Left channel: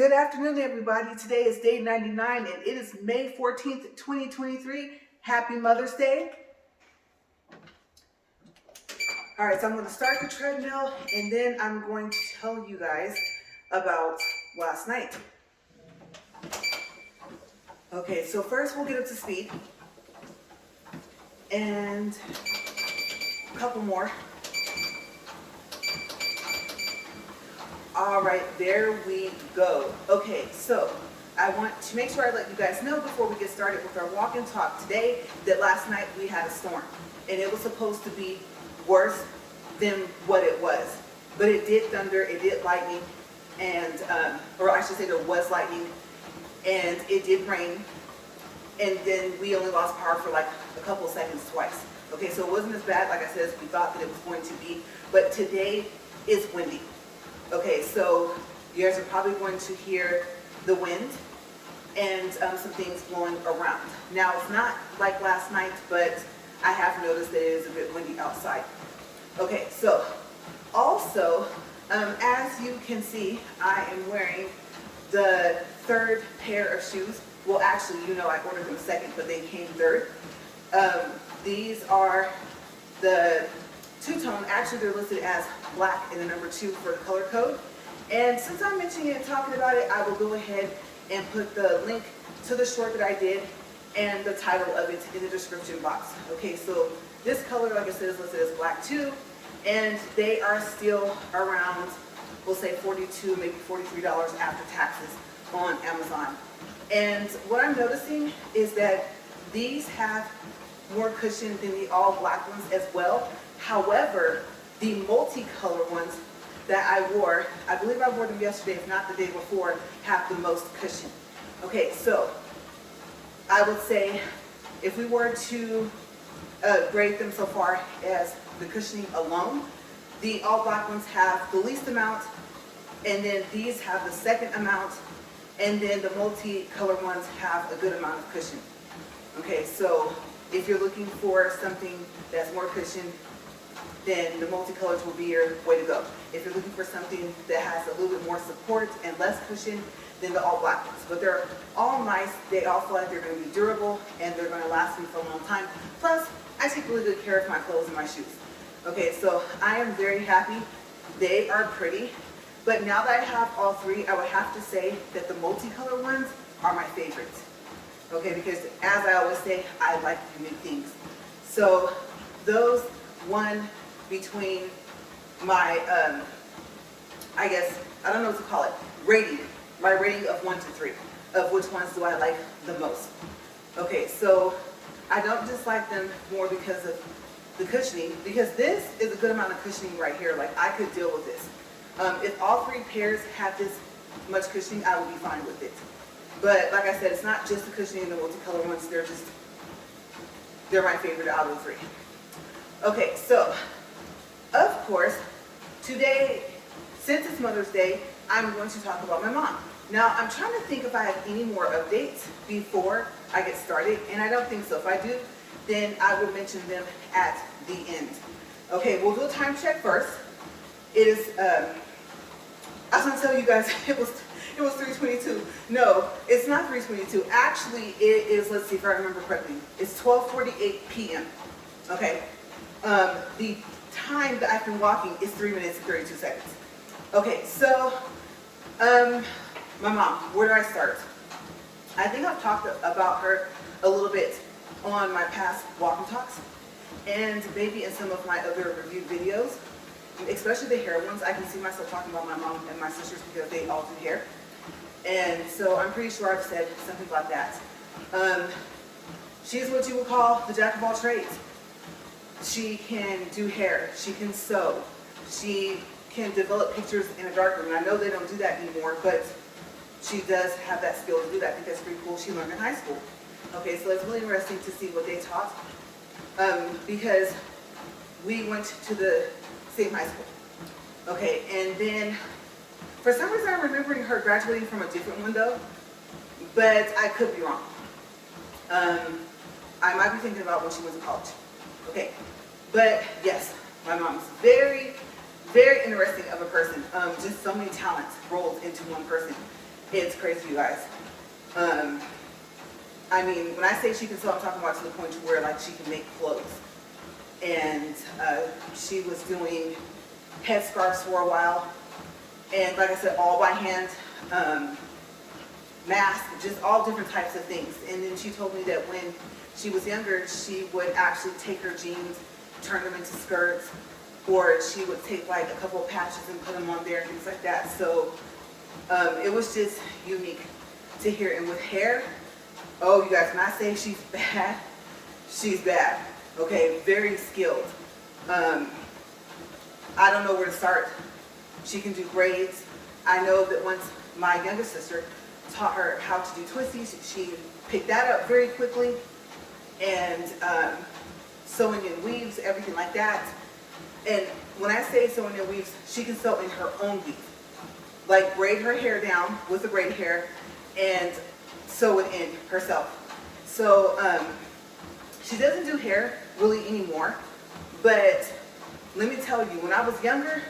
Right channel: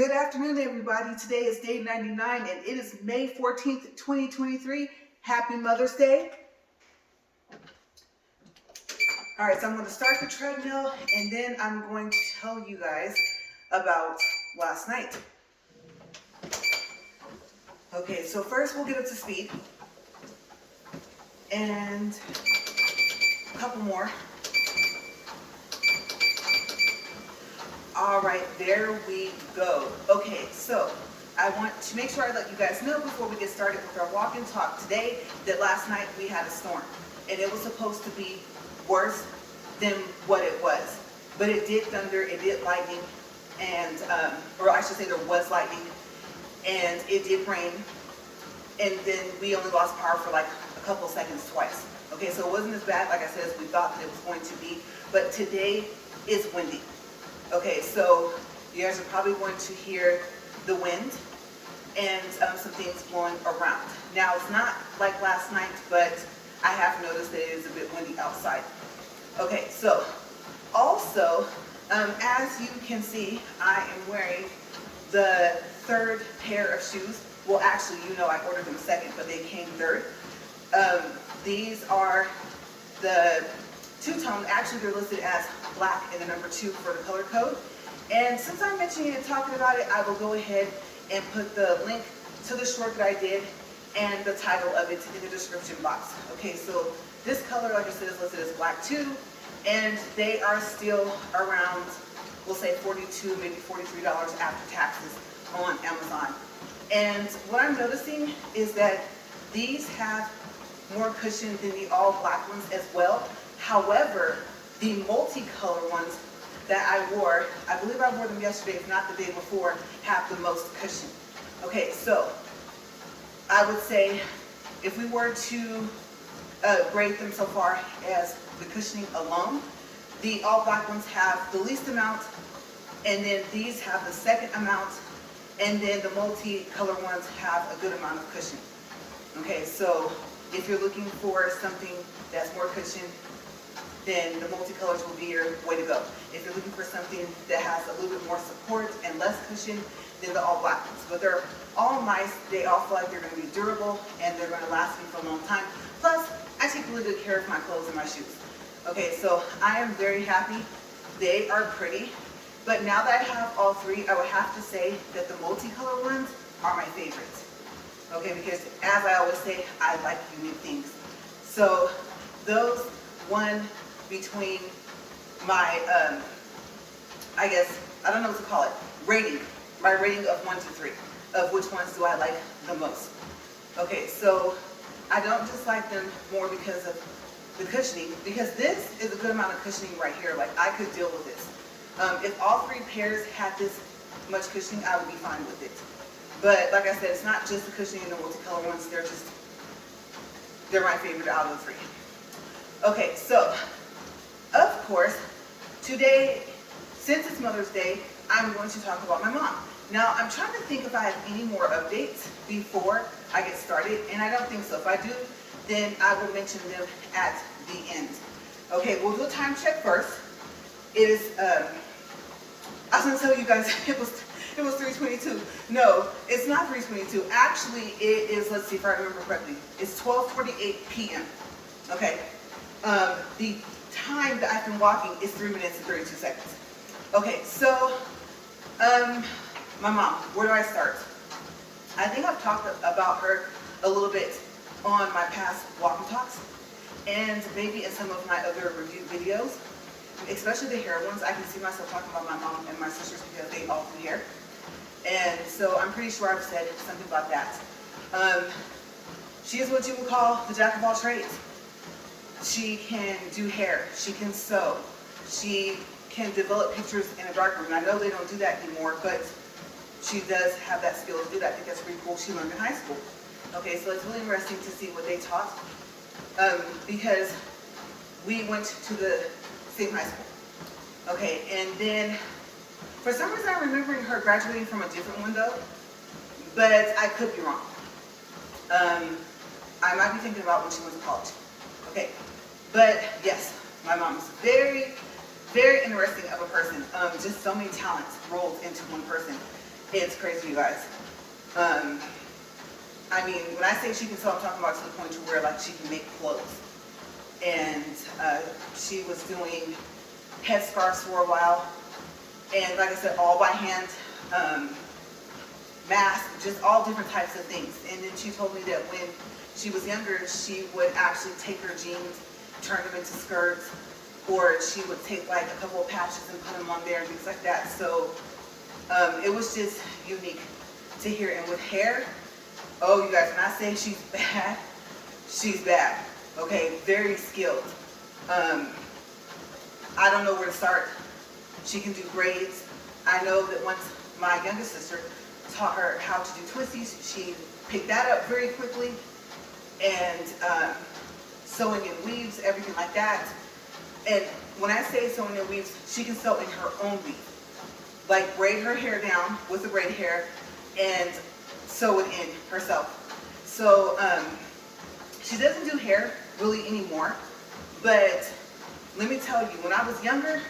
Good afternoon, everybody. Today is day 99 and it is May 14th, 2023. Happy Mother's Day. All right, so I'm going to start the treadmill and then I'm going to tell you guys about last night. Okay, so first we'll get up to speed and a couple more. All right, there we go. Okay, so I want to make sure I let you guys know before we get started with our walk and talk today that last night we had a storm and it was supposed to be worse than what it was. But it did thunder, it did lightning, and, or I should say there was lightning, and it did rain, and then we only lost power for like a couple of seconds twice. Okay, so it wasn't as bad, like I said, as we thought that it was going to be, but today is windy. Okay, so you guys are probably going to hear the wind and some things blowing around. Now, it's not like last night, but I have noticed that it is a bit windy outside. Okay, so also, as you can see, I am wearing the third pair of shoes. Well, actually, you know I ordered them second, but they came third. These are the two-tone. Actually, they're listed as black and the number 2 for the color code. And since I'm mentioning it and talking about it, I will go ahead and put the link to the short that I did and the title of it in the description box. Okay, so this color, like I said, is listed as black 2, and they are still around, we'll say $42, maybe $43 after taxes on Amazon. And what I'm noticing is that these have more cushion than the all black ones as well. However, the multicolor ones that I wore, I believe I wore them yesterday, if not the day before, have the most cushion. Okay, so I would say if we were to grade them so far as the cushioning alone, the all black ones have the least amount, and then these have the second amount, and then the multicolor ones have a good amount of cushion. Okay, so if you're looking for something that's more cushion, then the multicolors will be your way to go. If you're looking for something that has a little bit more support and less cushion, then the all black ones. But they're all nice. They all feel like they're going to be durable and they're going to last me for a long time. Plus, I take really good care of my clothes and my shoes. Okay, so I am very happy. They are pretty. But now that I have all three, I would have to say that the multicolor ones are my favorites. Okay, because as I always say, I like unique things. So those one between my, I guess, I don't know what to call it, rating. My rating of 1 to 3, of which ones do I like the most. Okay, so I don't dislike them more because of the cushioning, because this is a good amount of cushioning right here. Like, I could deal with this. If all three pairs had this much cushioning, I would be fine with it. But like I said, it's not just the cushioning and the multicolor ones, they're my favorite out of the three. Okay, so, of course, today, since it's Mother's Day, I'm going to talk about my mom. Now, I'm trying to think if I have any more updates before I get started, and I don't think so. If I do, then I will mention them at the end. Okay, we'll do a time check first. It is, I was going to tell you guys it was 3:22. No, it's not 3:22. Actually, it is, let's see if I remember correctly, it's 12:48 p.m. Okay. The time that I've been walking is 3 minutes and 32 seconds. Okay, so, my mom, where do I start? I think I've talked about her a little bit on my past walk and talks, and maybe in some of my other reviewed videos, especially the hair ones. I can see myself talking about my mom and my sisters because they all do hair. And so I'm pretty sure I've said something about that. She's what you would call the jack of all trades. She can do hair, she can sew, she can develop pictures in a darkroom. And I know they don't do that anymore, but she does have that skill to do that. I think that's pretty cool. She learned in high school. Okay, so it's really interesting to see what they taught because we went to the same high school. Okay, and then for some reason I'm remembering her graduating from a different one though, but I could be wrong. I might be thinking about when she was in college. Okay, but yes, my mom's very, very interesting of a person. Just so many talents rolled into one person. It's crazy, you guys. I mean, when I say she can sew, I'm talking about to the point to where like she can make clothes. And she was doing headscarves for a while. And like I said, all by hand, masks, just all different types of things. And then she told me that when she was younger, she would actually take her jeans, turn them into skirts, or she would take like a couple of patches and put them on there and things like that. So it was just unique to hear. And with hair, oh, you guys, when I say she's bad. Okay, very skilled. I don't know where to start. She can do braids. I know that once my youngest sister taught her how to do twisties, she picked that up very quickly. And sewing in weaves, everything like that. And when I say sewing in weaves, she can sew in her own weave. Like braid her hair down with the braid hair and sew it in herself. So she doesn't do hair really anymore, but let me tell you, when I was younger,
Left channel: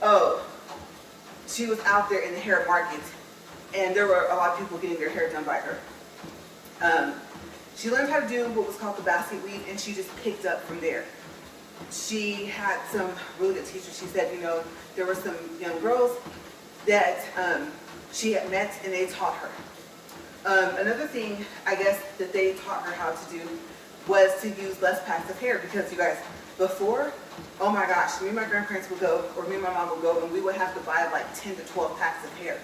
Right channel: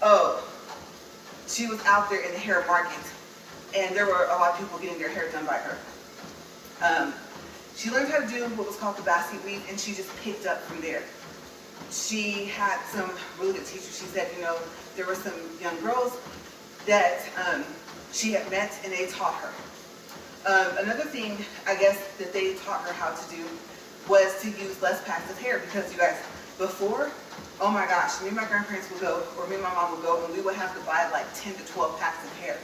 oh, she was out there in the hair market, and there were a lot of people getting their hair done by her. She learned how to do what was called the basket weave, and she just picked up from there. She had some really good teachers. She said, you know, there were some young girls that she had met, and they taught her. Another thing, I guess, that they taught her how to do was to use less packs of hair, because you guys, before, oh my gosh, me and my grandparents would go, or me and my mom would go, and we would have to buy like 10 to 12 packs of hair.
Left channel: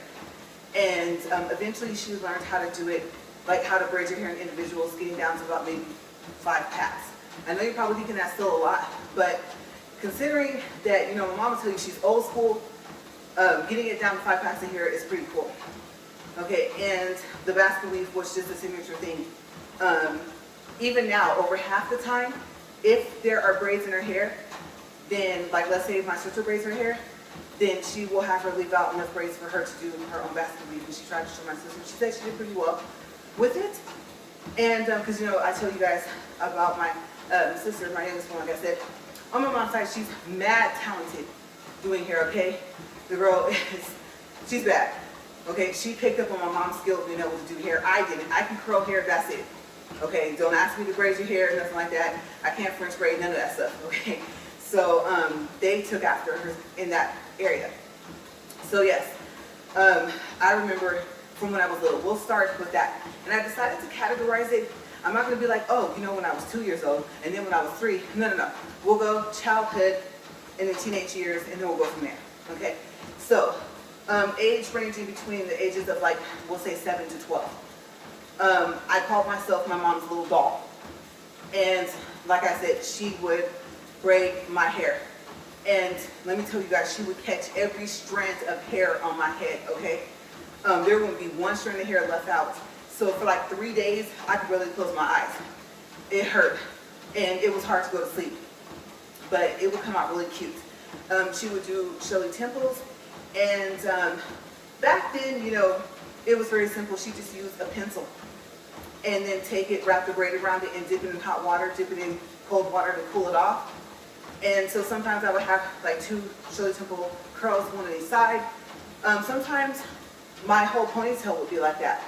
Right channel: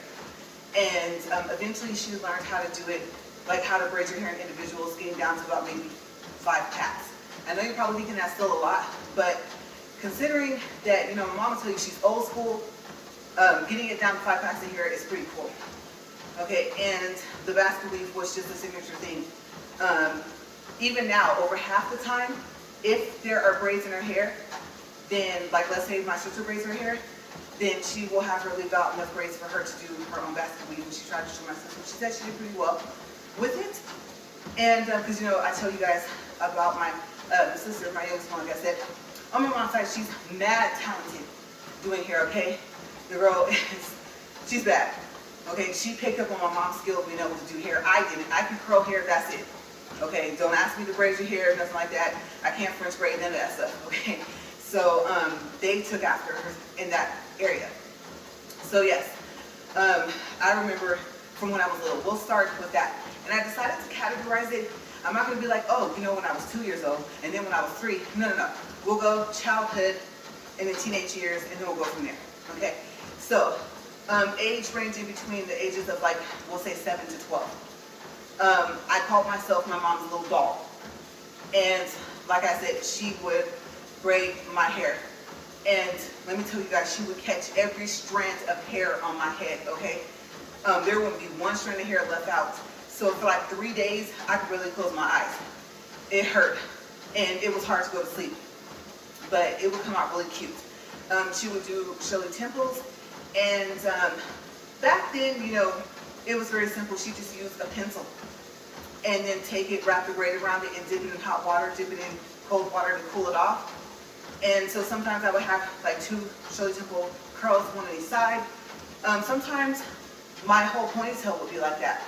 And eventually she learned how to do it, like how to braid your hair in individuals, getting down to about maybe 5 packs. I know you're probably thinking that's still a lot, but considering that, you know, my mom will tell you she's old school, getting it down to 5 packs of hair is pretty cool. Okay, and the basket weave was just a signature thing. Even now, over half the time, if there are braids in her hair, then, like, let's say my sister braids her hair, then she will have her leave out enough braids for her to do her own basket weave. And she tried to show my sister. She said she did pretty well with it. And because, you know, I told you guys about my sister, my youngest one, like I said, on my mom's side, she's mad talented doing hair, okay? The girl is, she's bad. Okay, she picked up on my mom's skill, you know, to do hair. I didn't. I can curl hair, that's it. Okay, don't ask me to braid your hair, nothing like that. I can't French braid, none of that stuff, okay? So they took after her in that area. So yes, I remember from when I was little. We'll start with that. And I decided to categorize it. I'm not going to be like, oh, you know, when I was 2 years old, and then when I was 3. No. We'll go childhood and the teenage years, and then we'll go from there, okay? So age ranging between the ages of, like, we'll say 7 to 12. I called myself my mom's little doll. And like I said, she would braid my hair. And let me tell you guys, she would catch every strand of hair on my head, okay? There wouldn't be one strand of hair left out. So for like 3 days, I could barely close my eyes. It hurt. And it was hard to go to sleep. But it would come out really cute. She would do showy temples. And back then, you know, it was very simple. She just used a pencil. And then take it, wrap the braid around it, and dip it in hot water, dip it in cold water to cool it off. And so sometimes I would have like 2 showy temple curls, one on each side. Sometimes my whole ponytail would be like that.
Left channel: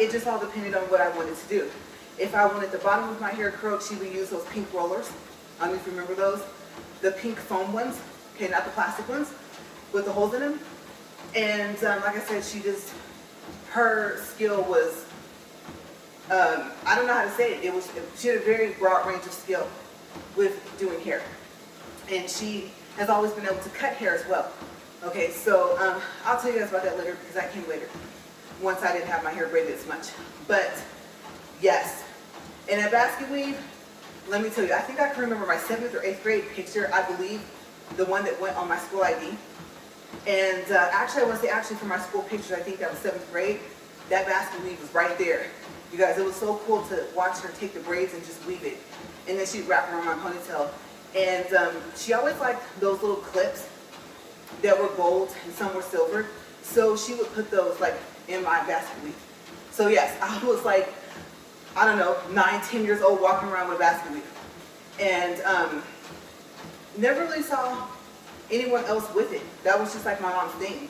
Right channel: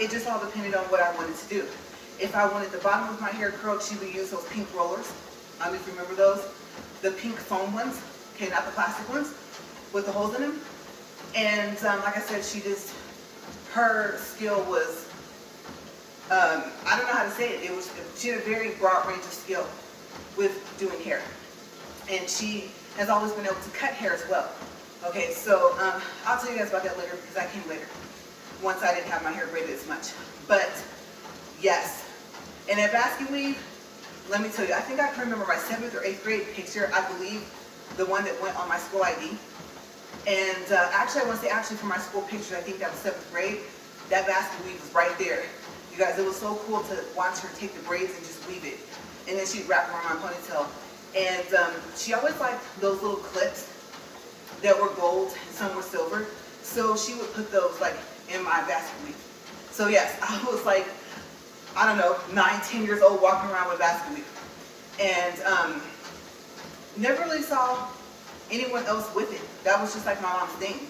It just all depended on what I wanted to do. If I wanted the bottom of my hair curled, she would use those pink rollers. If you remember those. The pink foam ones, okay, not the plastic ones, with the holes in them. And like I said, her skill was, I don't know how to say it. She had a very broad range of skill with doing hair. And she has always been able to cut hair as well. Okay, so I'll tell you guys about that later, because that came later, once I didn't have my hair braided as much. But yes, in a basket weave, let me tell you, I think I can remember my 7th or 8th grade picture, I believe, the one that went on my school ID. And actually, I want to say actually for my school picture, I think that was 7th grade, that basket weave was right there. You guys, it was so cool to watch her take the braids and just weave it. And then she'd wrap them around my ponytail. And she always liked those little clips that were gold and some were silver. So she would put those like in my basket weave. So yes, I was like, I don't know, 9, 10 years old walking around with a basket weave. And never really saw anyone else with it. That was just like my mom's thing.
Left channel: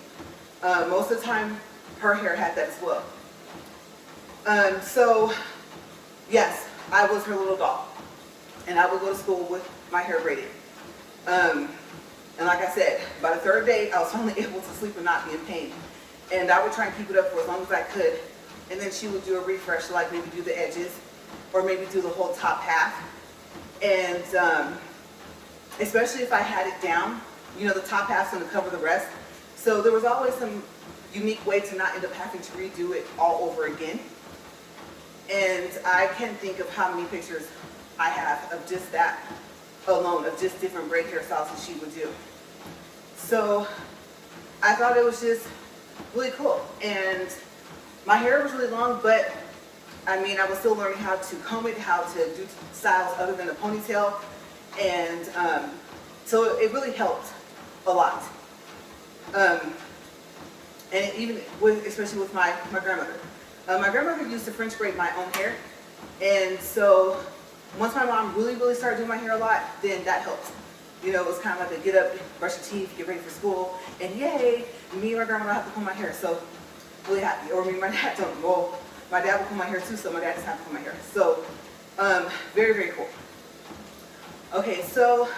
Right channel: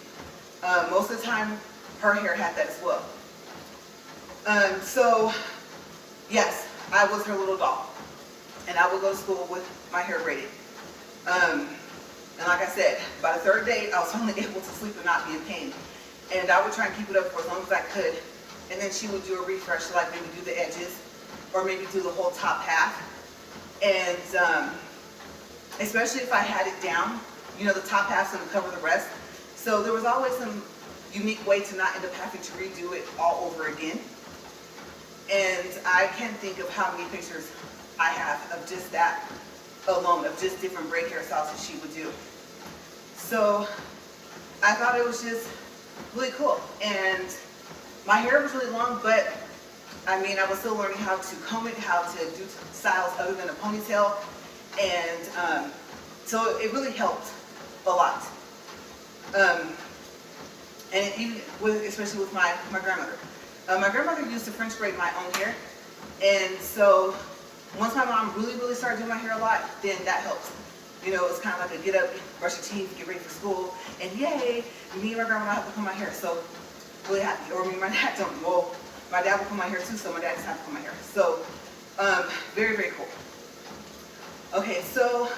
Most of the time, her hair had that as well. So yes, I was her little doll, and I would go to school with my hair braided. And like I said, by the third day, I was finally able to sleep and not be in pain. And I would try and keep it up for as long as I could. And then she would do a refresh, like maybe do the edges, or maybe do the whole top half. And especially if I had it down, you know, the top half's gonna cover the rest. So there was always some unique way to not end up having to redo it all over again. And I can't think of how many pictures I have of just that alone, of just different braid hairstyles that she would do. So I thought it was just really cool. And my hair was really long, but I mean, I was still learning how to comb it, how to do styles other than a ponytail. And so it really helped a lot. And even with, especially with my grandmother. My grandmother used to French braid my own hair. And so once my mom really started doing my hair a lot, then that helped. You know, it was kind of like a get up, brush your teeth, get ready for school, and yay, me and my grandma have to comb my hair. So really happy. Or me and my dad don't. Well, my dad will comb my hair too, so my dad doesn't have to comb my hair. So very cool. Okay, so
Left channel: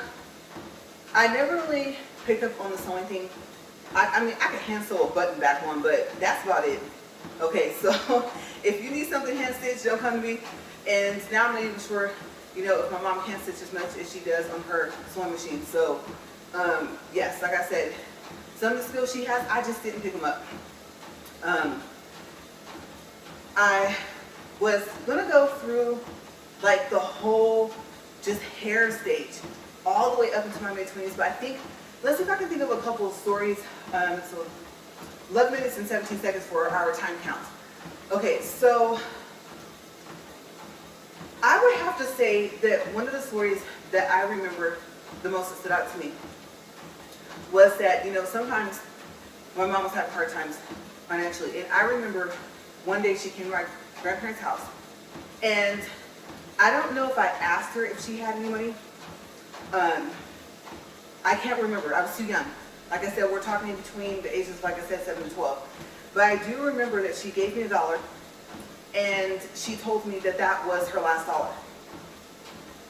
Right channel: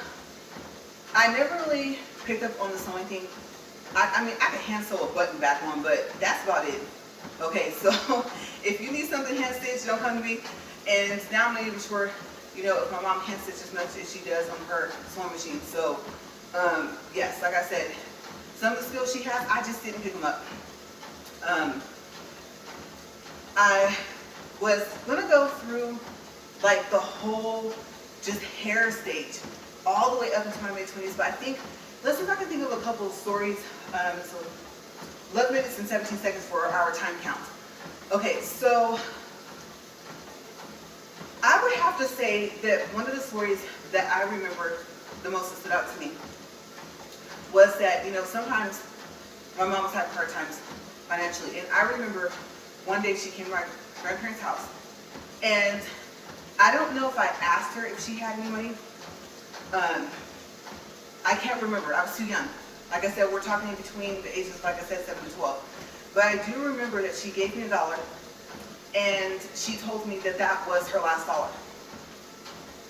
I never really picked up on the sewing thing. I mean, I could hand sew a button back one, but that's about it. Okay, so if you need something hand stitched, don't come to me. And now I'm not even sure, you know, if my mom hand stitches as much as she does on her sewing machine. So yes, like I said, some of the skills she has, I just didn't pick them up. I was gonna go through like the whole just hair stage all the way up into my mid-20s, but I think, let's see if I can think of a couple of stories. So 11 minutes and 17 seconds for our time count. Okay, so I would have to say that one of the stories that I remember the most that stood out to me was that, you know, sometimes my mom was having hard times financially. And I remember one day she came to my grandparents' house, and I don't know if I asked her if she had any money. I can't remember. I was too young. Like I said, we're talking in between the ages of, like I said, 7 and 12. But I do remember that she gave me $1, and she told me that that was her last dollar.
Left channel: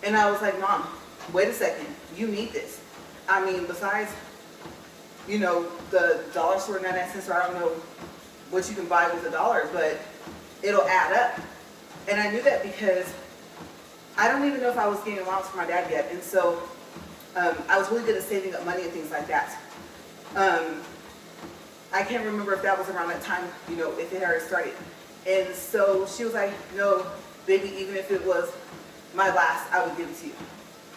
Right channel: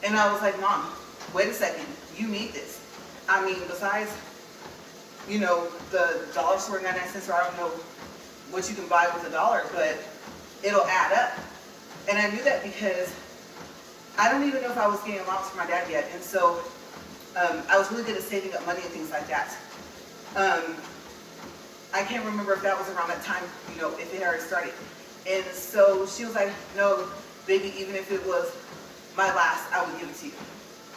And I was like, Mom, wait a second. You need this. I mean, besides, you know, the dollar store 99 cents, or I don't know what you can buy with $1, but it'll add up. And I knew that because I don't even know if I was getting allowance from my dad yet. And so I was really good at saving up money and things like that. I can't remember if that was around that time, you know, if it had already started. And so she was like, no, baby, even if it was my last, I would give it to you.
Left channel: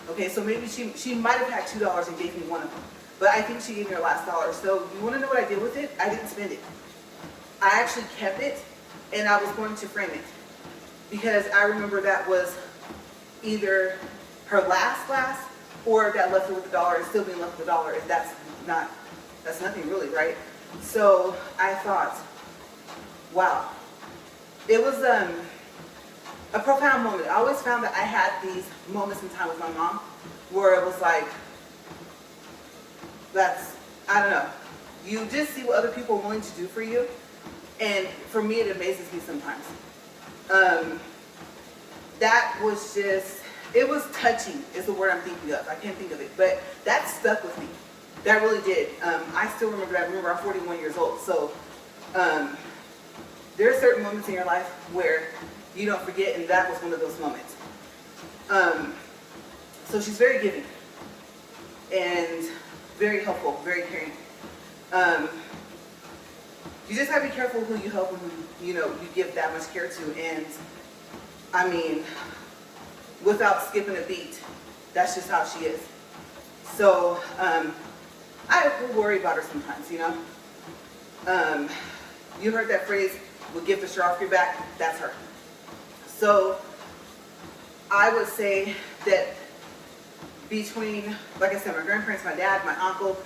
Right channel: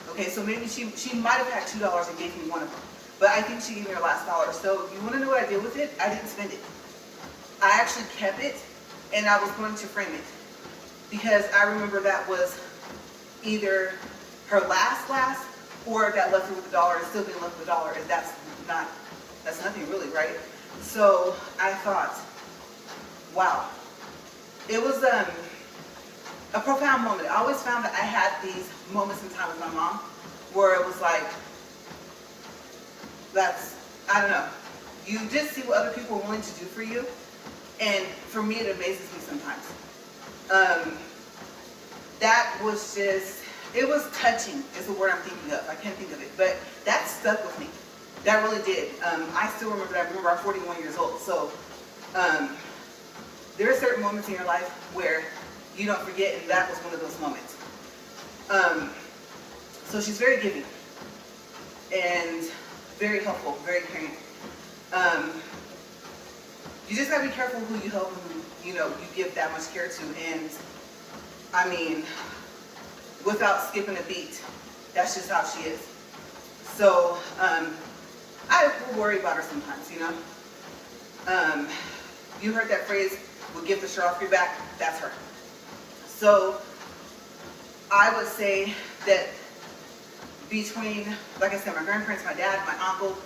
Okay, so maybe she might have had $2 and gave me one of them. But I think she gave me her last $1. So you want to know what I did with it? I didn't spend it. I actually kept it, and I was going to frame it. Because I remember that was either her last, or that left her with $1 and still being left with $1. And that's nothing really, right? So I thought, wow. It was a profound moment. I always found that I had these moments in time with my mom where it was like, I don't know. You just see what other people are willing to do for you. And for me, it amazes me sometimes. That was just, it was touching is the word I'm thinking of. I can't think of it, but that stuck with me. That really did. I still remember that. Remember, I'm 41 years old. So there are certain moments in your life where you don't forget, and that was one of those moments. So she's very giving and very helpful, very caring. You just gotta be careful who you help and who you give that much care to. And I mean, without skipping a beat, that's just how she is. So I will worry about her sometimes, you know. You heard that phrase, "We'll give the shirt off your back." That's her. So I would say that between, like I said, my grandparents, my dad, my uncle,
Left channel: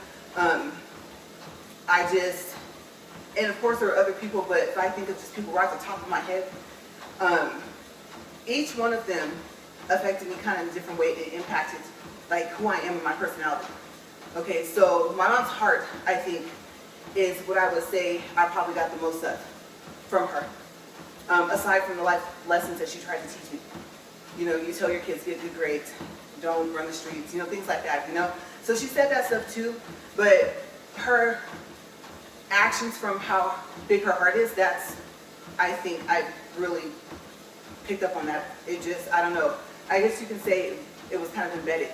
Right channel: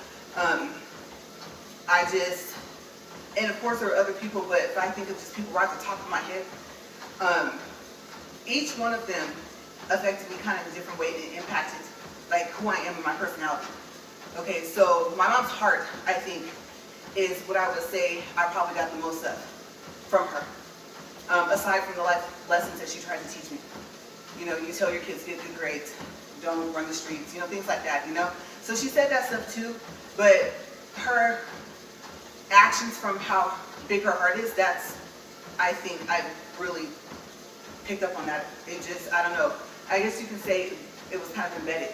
and of course there are other people, but if I think of just people right at the top of my head, each one of them affected me kind of in a different way. It impacted like who I am and my personality. Okay, so my mom's heart, I think, is what I would say I probably got the most of from her. Aside from the life lessons that she tried to teach me. You know, you tell your kids get good grades, don't run the streets, you know, things like that, you know. So she said that stuff too, but her actions from how big her heart is, that's, I think I really picked up on that. It just, I don't know. I guess you can say it was kind of embedded.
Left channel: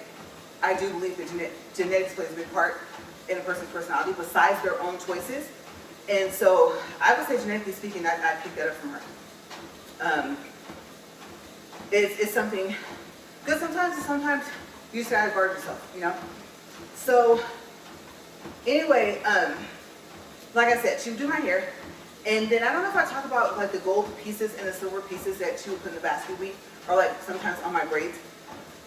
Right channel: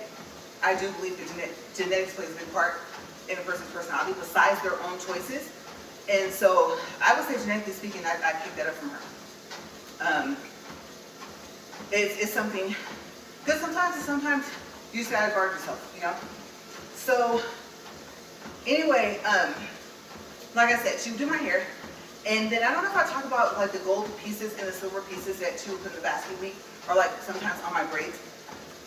I do believe that genetics plays a big part in a person's personality besides their own choices. And so I would say genetically speaking, I picked that up from her. It's something, because sometimes you just gotta guard yourself, you know? So anyway, like I said, she would do my hair. And then I don't know if I talk about like the gold pieces and the silver pieces that she would put in the basket weave, or like sometimes on my braids.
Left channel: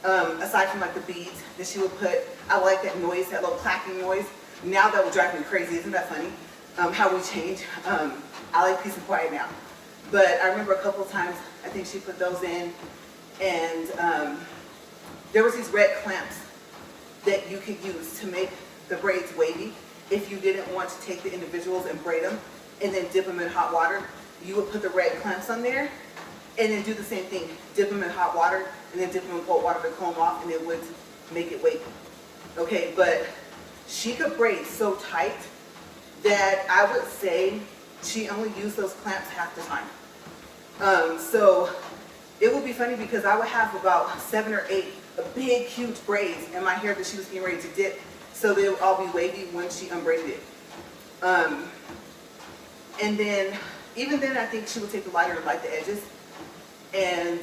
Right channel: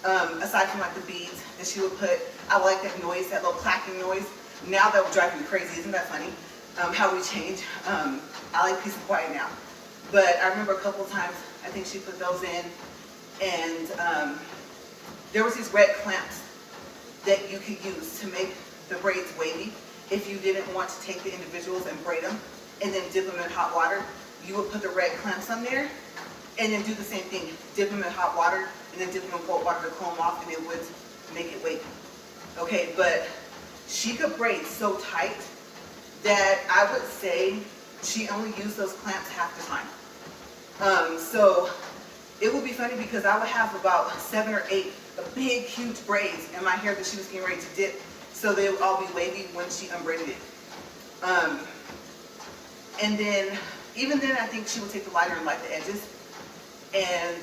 Aside from like the beads that she would put, I like that noise, that little clacking noise. Now that would drive me crazy, isn't that funny? How we change. I like peace and quiet now. But I remember a couple of times, I think she put those in, and there was these red clamps that you could use to make the braids wavy. If you didn't want to take the individuals and braid them and then dip them in hot water, you would put the red clamps on there and then do the same thing. Dip them in hot water and then dip them in cold water to cool them off, and it would make it wavy. Okay, but she could braid so tight that I would say she only used those clamps half the time. So it would be funny because I would have about 7 or 8 big, huge braids in my hair that she was getting ready to dip, so they would all be wavy when she unbraided it. And then, even then, I think she would take the lighter and light the edges. And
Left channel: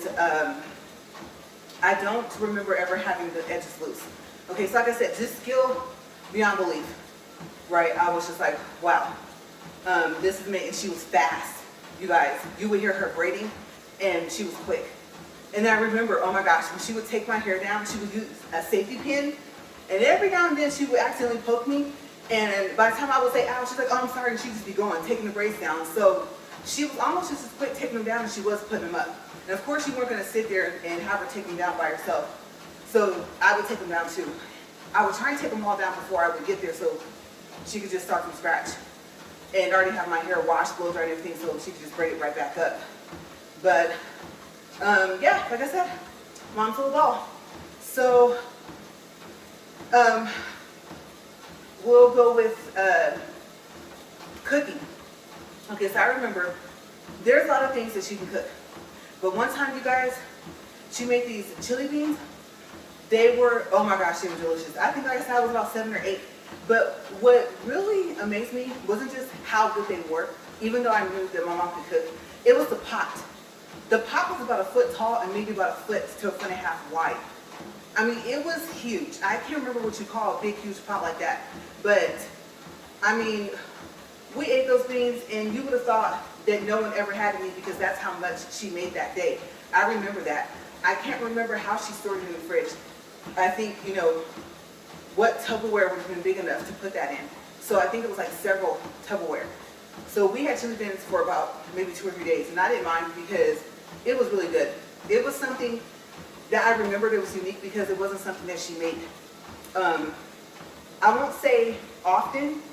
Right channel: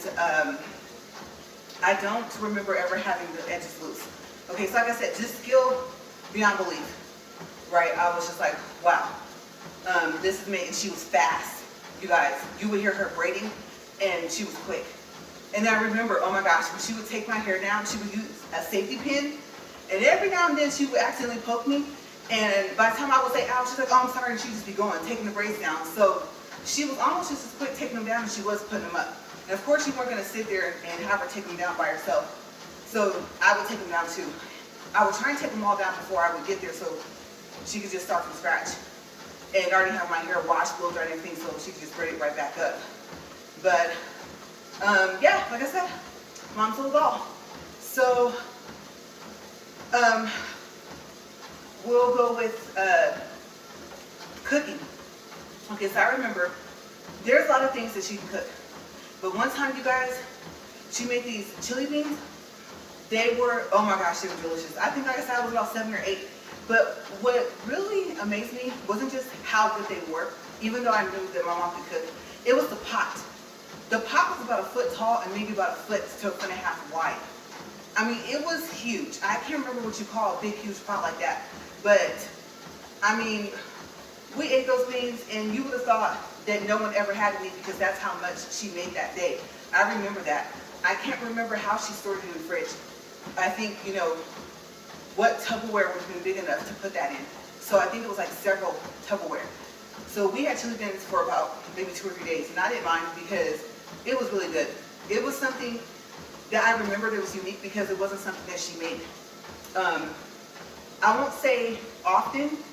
I don't remember ever having the edges loose. Okay, so like I said, just skill beyond belief, right? I was just like, wow, this is me. And she was fast. You guys, you would hear her braiding, and she was quick. And then I remember, oh my gosh, when she would take my hair down, she would use a safety pin, and every now and then she would accidentally poke me, and by the time I would say ouch, she's like, oh, I'm sorry, and she would just be going, taking the braids down. So she was almost just as quick taking them down as she was putting them up. And of course, you weren't going to sit there and have her take them down by herself. So I would take them down too. I would try and take them all down before I would get there so she could just start from scratch. And already have my hair washed, blow dried, and everything, so she could just braid it right back up. But yeah, like I said, mom's little doll. So we'll go with cooking. Okay, so I remember there's a lot of things that she can cook. But one time, you guys, she made these chili beans. They were, oh my gosh, they were delicious. I think, like I said, I was about 7 or 8. But what really amazed me wasn't just how good they were, even though I knew that my mom could cook. It was the pot. The pot was about 1 foot tall and maybe about 1 foot to 1.5 feet wide. I mean, it was huge. I can't remember what you call a big, huge pot like that. But, I mean, we ate those beans, and you would have thought that no one ever had any because that's how much she made that day. I remember that. I can't remember how she stored it in the fridge. I think, you know, what Tupperware would have been big enough to put that in. So I think it was like several Tupperware. So we had chili beans for about maybe 2 or 3 days, and I didn't mind because it was really good. It was something that I remembered it was unique because it wasn't something that she made. I won't say often,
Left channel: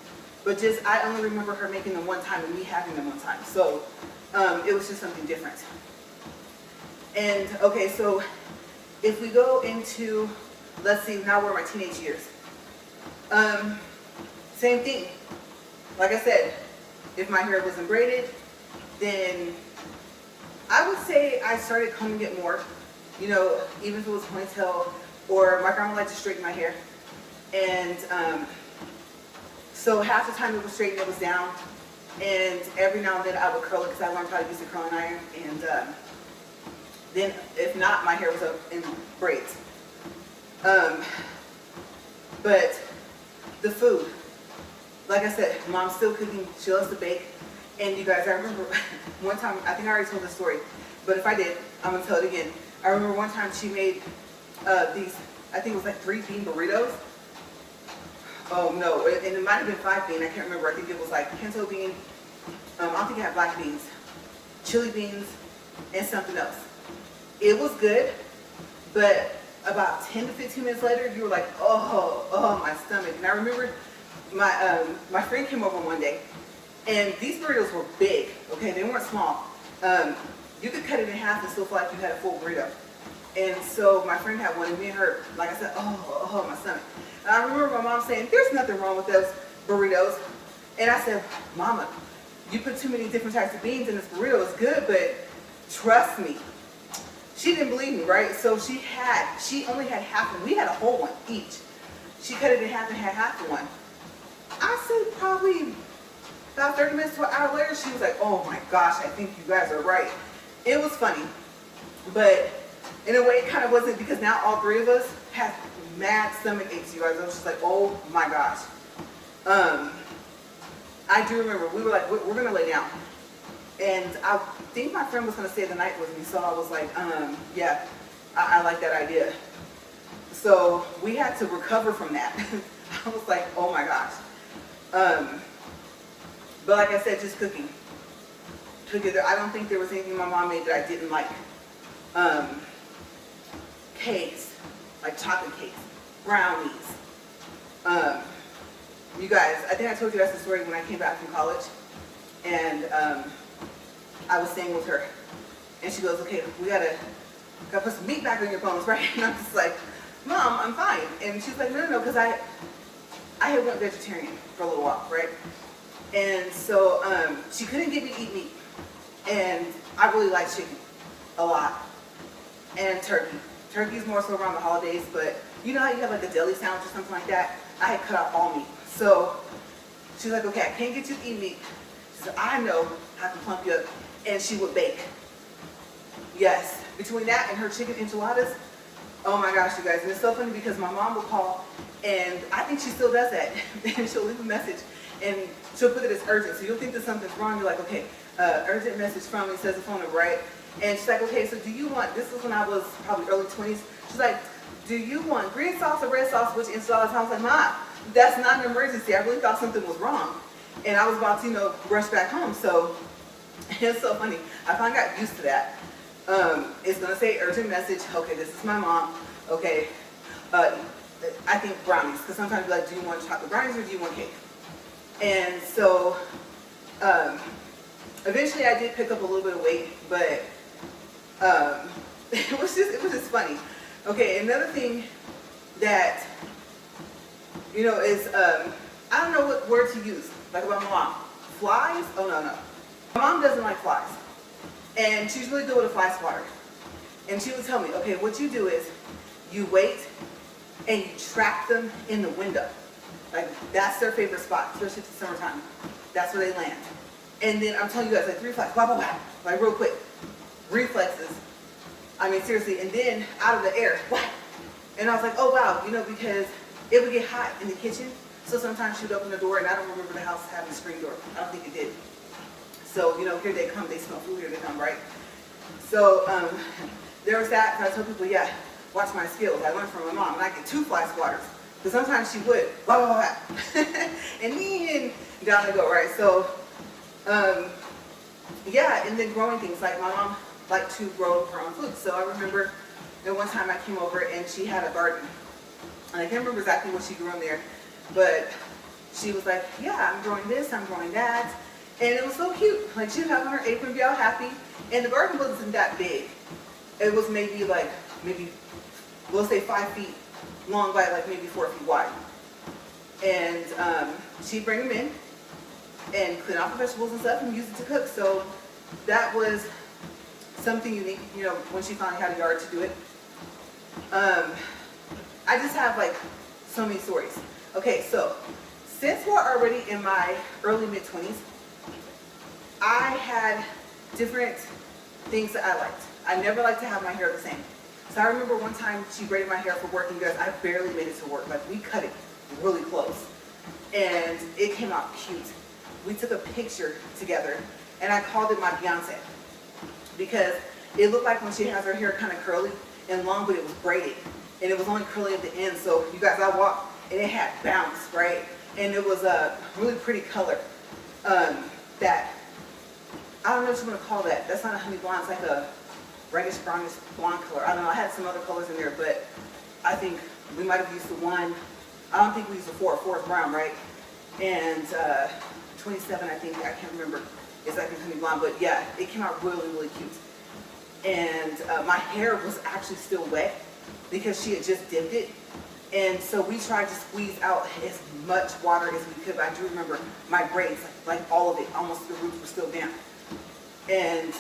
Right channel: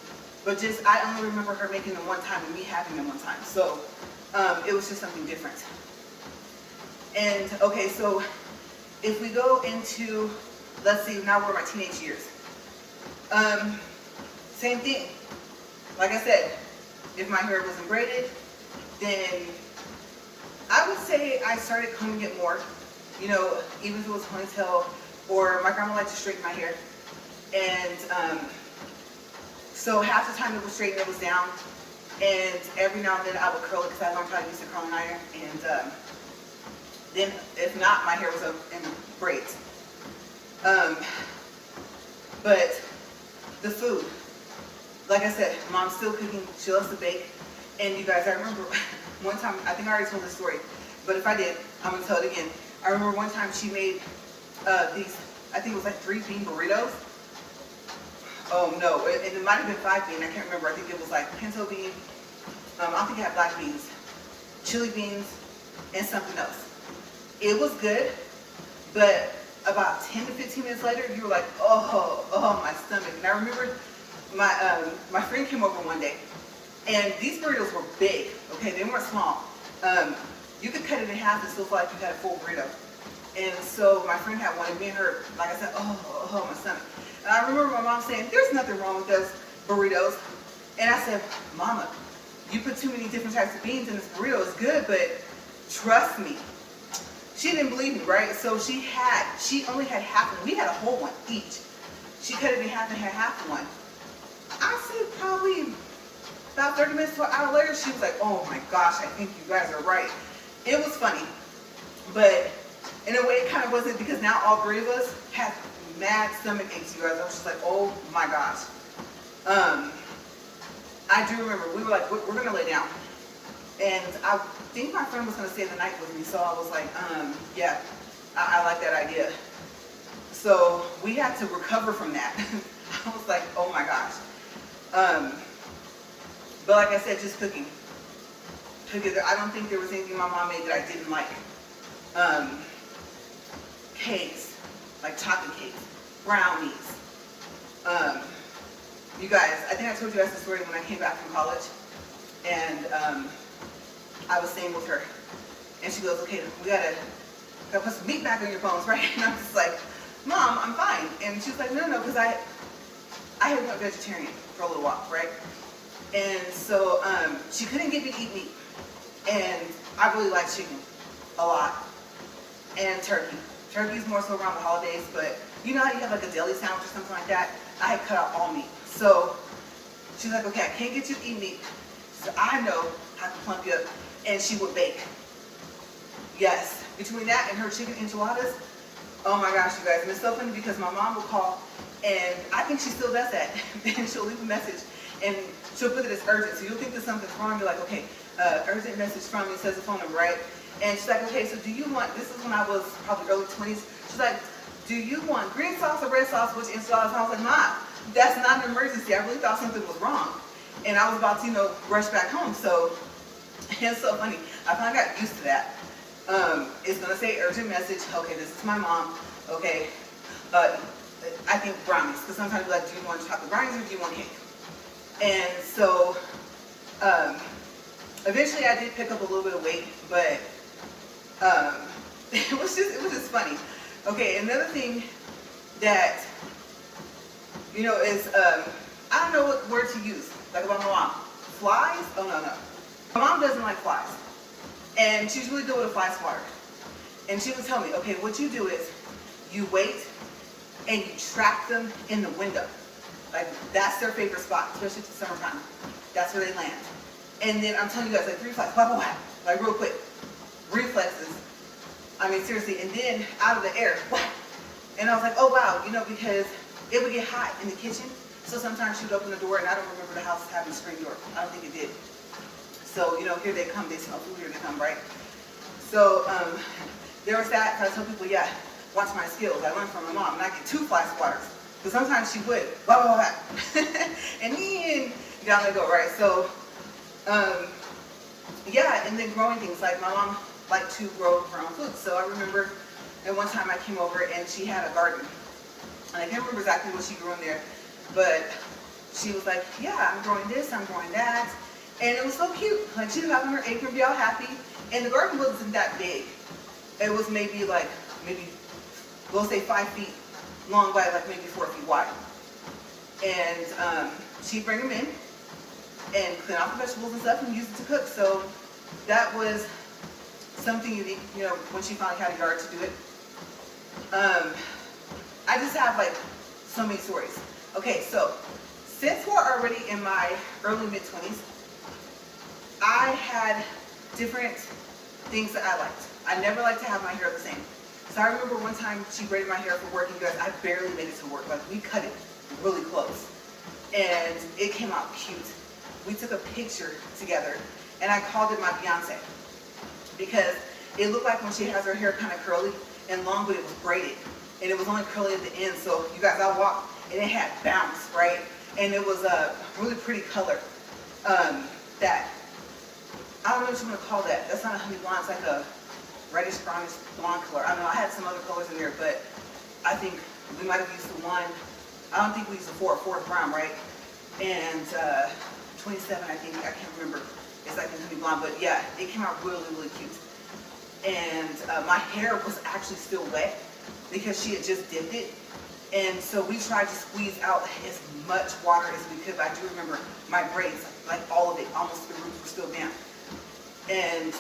but just I only remember her making them one time and me having them one time. So it was just something different. And okay, so if we go into, let's see, now we're in my teenage years. Same thing. Like I said, if my hair wasn't braided, then I would say I started combing it more. You know, even if it was ponytail, or my grandma liked to straighten my hair. And so half the time it was straight and it was down. And every now and then I would curl it because I learned how to use the curling iron. And then if not, my hair was up in braids. But the food, like I said, mom's still cooking. She loves to bake. And you guys, I remember one time, I think I already told this story, but if I did, I'm gonna tell it again. I remember one time she made these, I think it was like 3 bean burritos. Oh no, and it might have been 5 bean, I can't remember. I think it was like pinto bean, I don't think it had black beans, chili beans, and something else. It was good, but about 10 to 15 minutes later, you were like, oh, my stomach. And I remember my friend came over one day, and these burritos were big, okay? They weren't small. You could cut it in half and still feel like you had a full burrito. And so my friend had one, and me and her, like I said, oh, my stomach. And I remember my mom saying, there's nothing wrong with those burritos. And I said, Mama, you put too many different types of beans in this burrito. It's good, but trust me. She didn't believe me, right? So she only had half one. We had a whole one each. She cut it in half and had half of one. I say probably about 30 minutes to an hour later, she was like, oh my gosh, I think you guys are right. It was funny, but in a way it kind of wasn't, because now all three of us have mad stomach aches, you guys. I was just like, oh my gosh. I do remember, we were like, we're gonna lay down. And I think my friend was gonna stay the night with me, so I was like, yeah, I like that idea. So we had to recover from that. I was like, oh my gosh. But like I said, just cooking. I don't think there was anything my mom made that I didn't like. Cakes, like chocolate cakes, brownies. You guys, I think I told you guys the story when I came back from college, and I was staying with her, and she goes, okay, we gotta put some meat back on your bones, right? And I'm just like, Mom, I'm fine. And she's like, no, because I had went vegetarian for a little while, right? And so she couldn't get me to eat meat. And I really like chicken a lot. And turkey. Turkey's more so around the holidays, but you know how you have like a deli sandwich or something like that? I had cut out all meat. So she was like, okay, I can't get you to eat meat, so I know how to plump you up. And she would bake. Yes, between that and her chicken enchiladas, oh my gosh, you guys. And it's so funny because my mom will call, and I think she still does that. And she'll leave a message, and she'll put it as urgent. So you'll think that something's wrong. You're like, okay, urgent message from, it says the phone number, right? And she's like, okay, so do you want, this is when I was probably early 20s. She's like, do you want green sauce or red sauce, which enchiladas? I was like, Mom, that's not an emergency. I really thought something was wrong. And I was about to, rush back home. So it's so funny. I finally got used to that. It's going to say urgent message. Okay, this is my mom. Okay. I think brownies, because sometimes you're like, do you want chocolate brownies or do you want cake? And so eventually I did pick up a little bit of weight, but it was just funny. Okay, another thing that, is, I don't know what word to use, like about my mom. Flies? Oh, no. My mom doesn't like flies. And she's really good with a fly swatter. And she would tell me, okay, what you do is you wait and you trap them in the window. Like, that's their favorite spot, especially if it's summertime. That's where they land. And then I'm telling you guys, like 3 flies, blah, blah, blah, like real quick. Reflexes. I mean, seriously. And then out of the air, whack. And I was like, oh, wow, because it would get hot in the kitchen. So sometimes she'd open the door, and I don't remember the house having a screen door. I don't think it did. So, here they come. They smell food, here they come, right? So there was that. I told people, yeah, watch my skills. I learned from my mom. And I get 2 fly swatters. But sometimes she would, blah, blah, blah. And then down they go, right? So, yeah, and then growing things. Like my mom liked to grow her own food. So I remember at one time I came over and she had a garden. And I can't remember exactly what she grew in there. But she was like, yeah, I'm growing this, I'm growing that. And it was so cute. Like, she was having her apron, be all happy. And the garden wasn't that big. It was maybe, we'll say 5 feet long by maybe 4 feet wide. And she'd bring them in and clean off the vegetables and stuff and use it to cook. So that was something unique, when she finally had a yard to do it. I just have so many stories. Okay, so since we're already in my early mid-20s, I had different things that I liked. I never liked to have my hair the same. So I remember one time she braided my hair for work, and you guys, I barely made it to work. We cut it really close. And it came out cute. We took a picture together, and I called it my Beyonce. Because it looked like when she has her hair kind of curly and long, but it was braided. And it was only curly at the end. So you guys, I walked, and it had bounce, right? And it was a really pretty color. That, I don't know what you want to call that. That's not a honey blonde. It's like a reddish, brownish blonde color. I don't know. I had some other colors in there, but I think we might have used the one. I don't think we used the 4. 4 is brown, right? and 27, I think, I can't remember exactly honey blonde, but yeah, it came out really, really cute. And my hair was actually still wet because she had just dipped it. And so we tried to squeeze out as much water as we could, but I do remember my braids, like all of it, almost the roots were still damp. And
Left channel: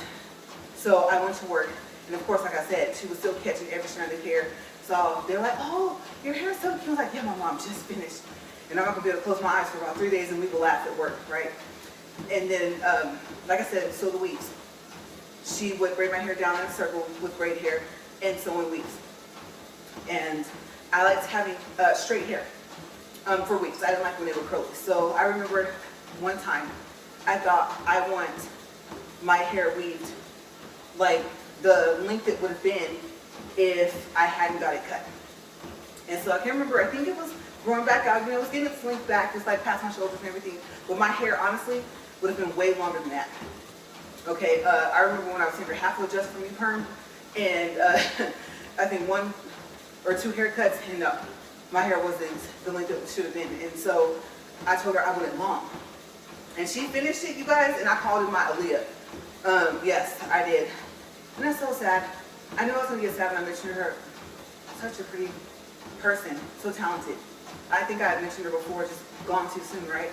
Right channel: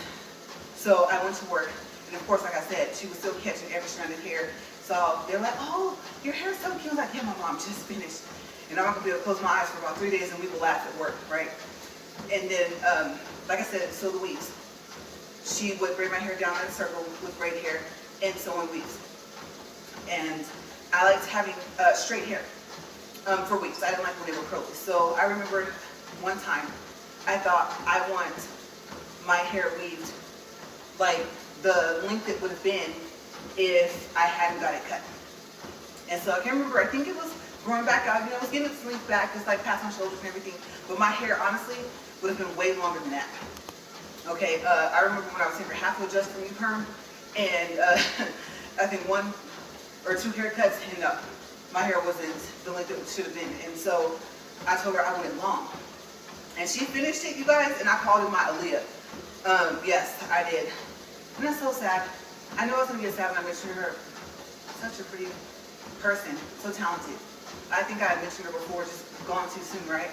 so I went to work, and of course, like I said, she was still catching every strand of hair. So they were like, oh, your hair is so cute. I was like, yeah, my mom just finished. And I'm not gonna be able to close my eyes for about 3 days and we will laugh at work, right? And then, like I said, so the weeks. She would braid my hair down in a circle with braid hair and so on weeks. And I liked having straight hair for weeks. I didn't like when they were curly. So I remember one time I thought I want my hair weaved like the length it would have been if I hadn't got it cut. And so I can't remember, I think it was growing back out, you know, it was getting its length back, just like past my shoulders and everything. But my hair, honestly, would have been way longer than that. Okay, I remember when I was younger, half would adjust for me perm, and I think 1 or 2 haircuts, and my hair wasn't the length it should have been. And so I told her I wanted long. And she finished it, you guys, and I called it my Aaliyah. Yes, I did. And that's so sad. I know I was going to get sad when I mentioned her. Such a pretty person, so talented. I think I had mentioned her before, just gone too soon, right?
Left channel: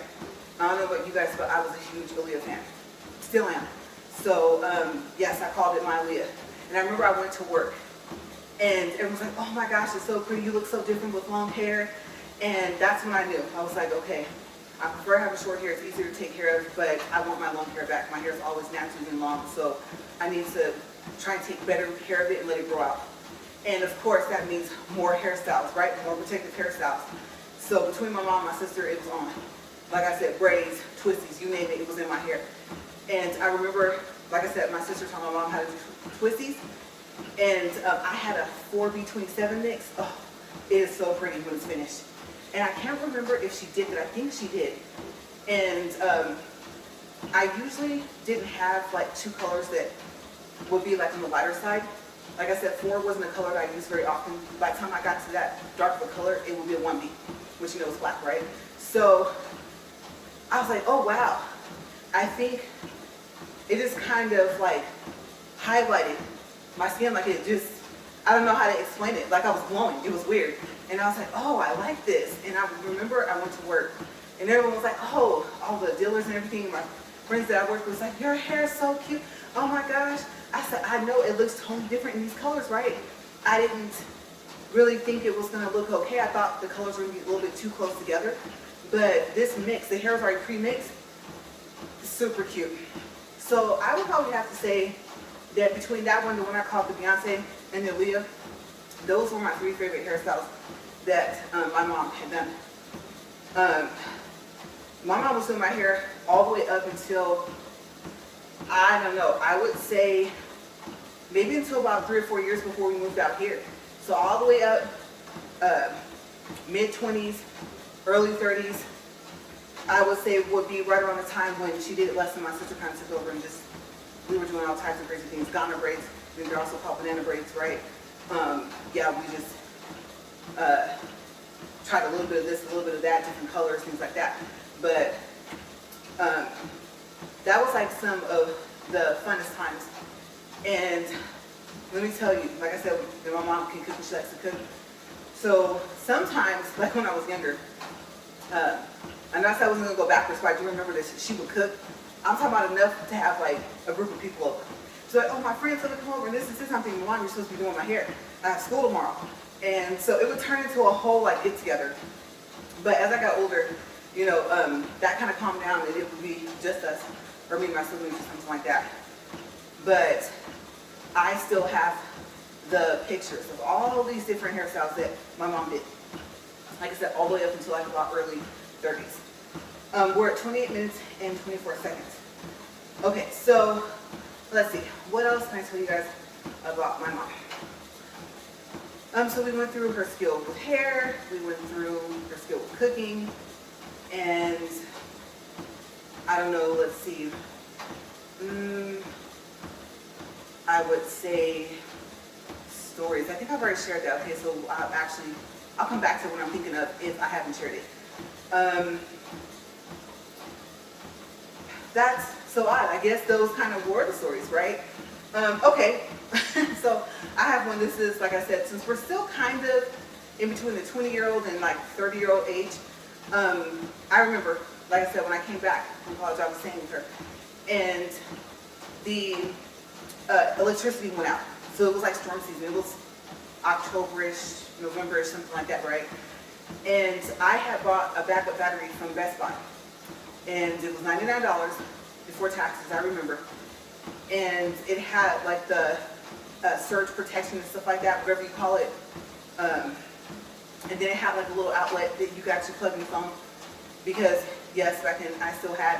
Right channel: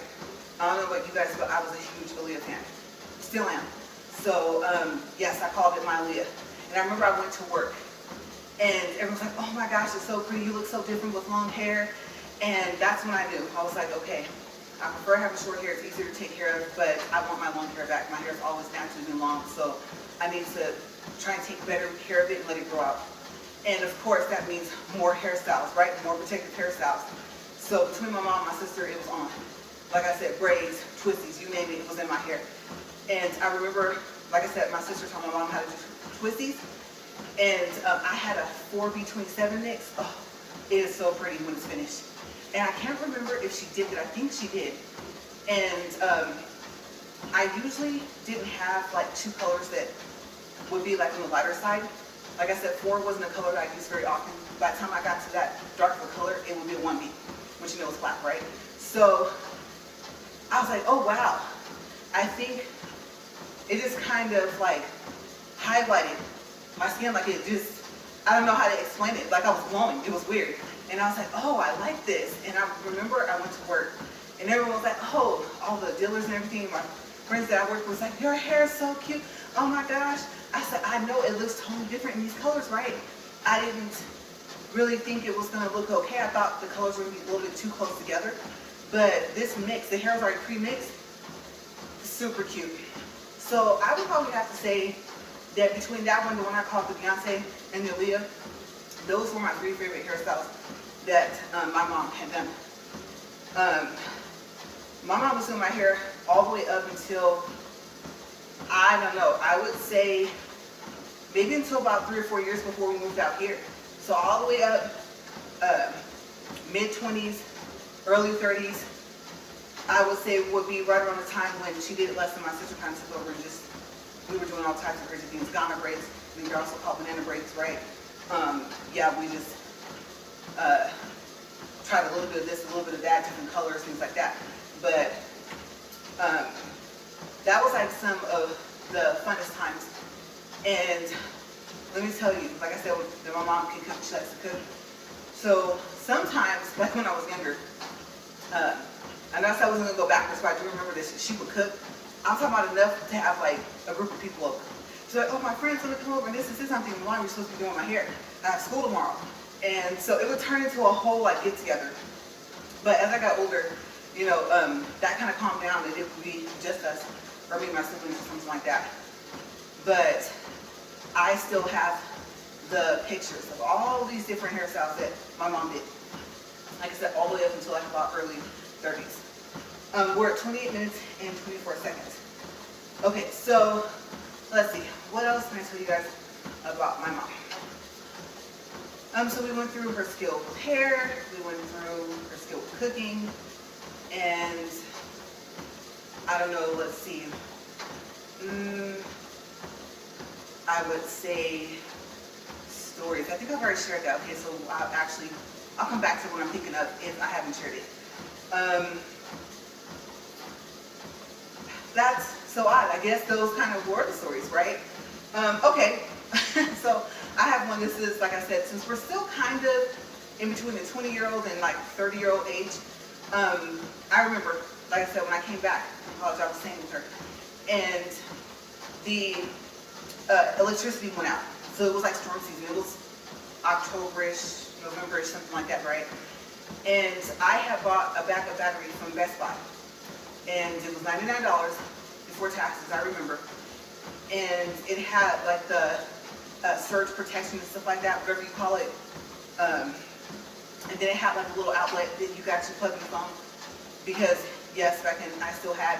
I don't know about you guys, but I was a huge Aaliyah fan. Still am. So, yes, I called it my Aaliyah. And I remember I went to work, and everyone's like, oh my gosh, it's so pretty. You look so different with long hair. And that's when I knew. I was like, okay, I prefer having short hair. It's easier to take care of, but I want my long hair back. My hair is always naturally been long, so I need to try and take better care of it and let it grow out. And of course, that means more hairstyles, right? More protective hairstyles. So between my mom and my sister, it was on. Like I said, braids, twisties, you name it, it was in my hair. And I remember, like I said, my sister taught my mom how to do twisties. And I had a 4B27 mix. Oh, it is so pretty when it's finished. And I can't remember if she did, but I think she did. And I usually didn't have like 2 colors that would be like on the lighter side. Like I said, 4 wasn't a color that I used very often. By the time I got to that dark of a color, it would be a 1B, which you know is black, right? So I was like, oh wow. I think it just kind of like highlighted my skin, like it just, I don't know how to explain it. Like I was glowing, it was weird. And I was like, oh, I like this. And I remember I went to work and everyone was like, oh, all the dealers and everything. My friends that I worked with was like, your hair is so cute. Oh my gosh. I said, I know it looks totally different in these colors, right? I didn't really think it was gonna look okay. I thought the colors would be a little bit too close together. But this mix, the hair is already pre-mixed, super cute. So I would probably have to say that between that one, the one I called the Beyonce, and the Aaliyah, those were my 3 favorite hairstyles that my mom had done. My mom was doing my hair all the way up until, I don't know, I would say maybe until about 3 or 4 years before we moved out here. So all the way up, mid-20s, early 30s, I would say would be right around the time when she did it less and my sister kind of took over and just, we were doing all types of crazy things. Ghana braids, and they're also called banana braids, right? Yeah, we just tried a little bit of this, a little bit of that, different colors, things like that. But that was like some of the funnest times. And let me tell you, like I said, that my mom can cook, she likes to cook. So sometimes, like when I was younger, I know I said I wasn't gonna go backwards, but I do remember that she would cook. I'm talking about enough to have like a group of people over. So like, oh, my friend's gonna come over and this is something. Mom, you're supposed to be doing my hair. I have school tomorrow. And so it would turn into a whole like get together. But as I got older, you know, that kind of calmed down and it would be just us, or me and my siblings or something like that. But I still have the pictures of all these different hairstyles that my mom did. Like I said, all the way up until like about early 30s. We're at 28 minutes and 24 seconds. Okay, so let's see. What else can I tell you guys about my mom? So we went through her skill with hair, we went through her skill with cooking, and I don't know, let's see. I would say stories. I think I've already shared that. Okay, so I'll come back to what I'm thinking of if I haven't shared it. that's so odd. I guess those kind of were the stories, right? Okay, so I have one. This is, like I said, since we're still kind of in between the 20-year-old and like 30-year-old age, I remember, like I said, when I came back from college, I was staying with her, and the electricity went out. So it was like storm season. It was October-ish, November-ish, something like that, right? And I had bought a backup battery from Best Buy, and it was $99 before taxes, I remember. And it had like the surge protection and stuff like that, whatever you call it. And then it had like a little outlet that you could actually plug in the phone. Because, yes, back then I still had,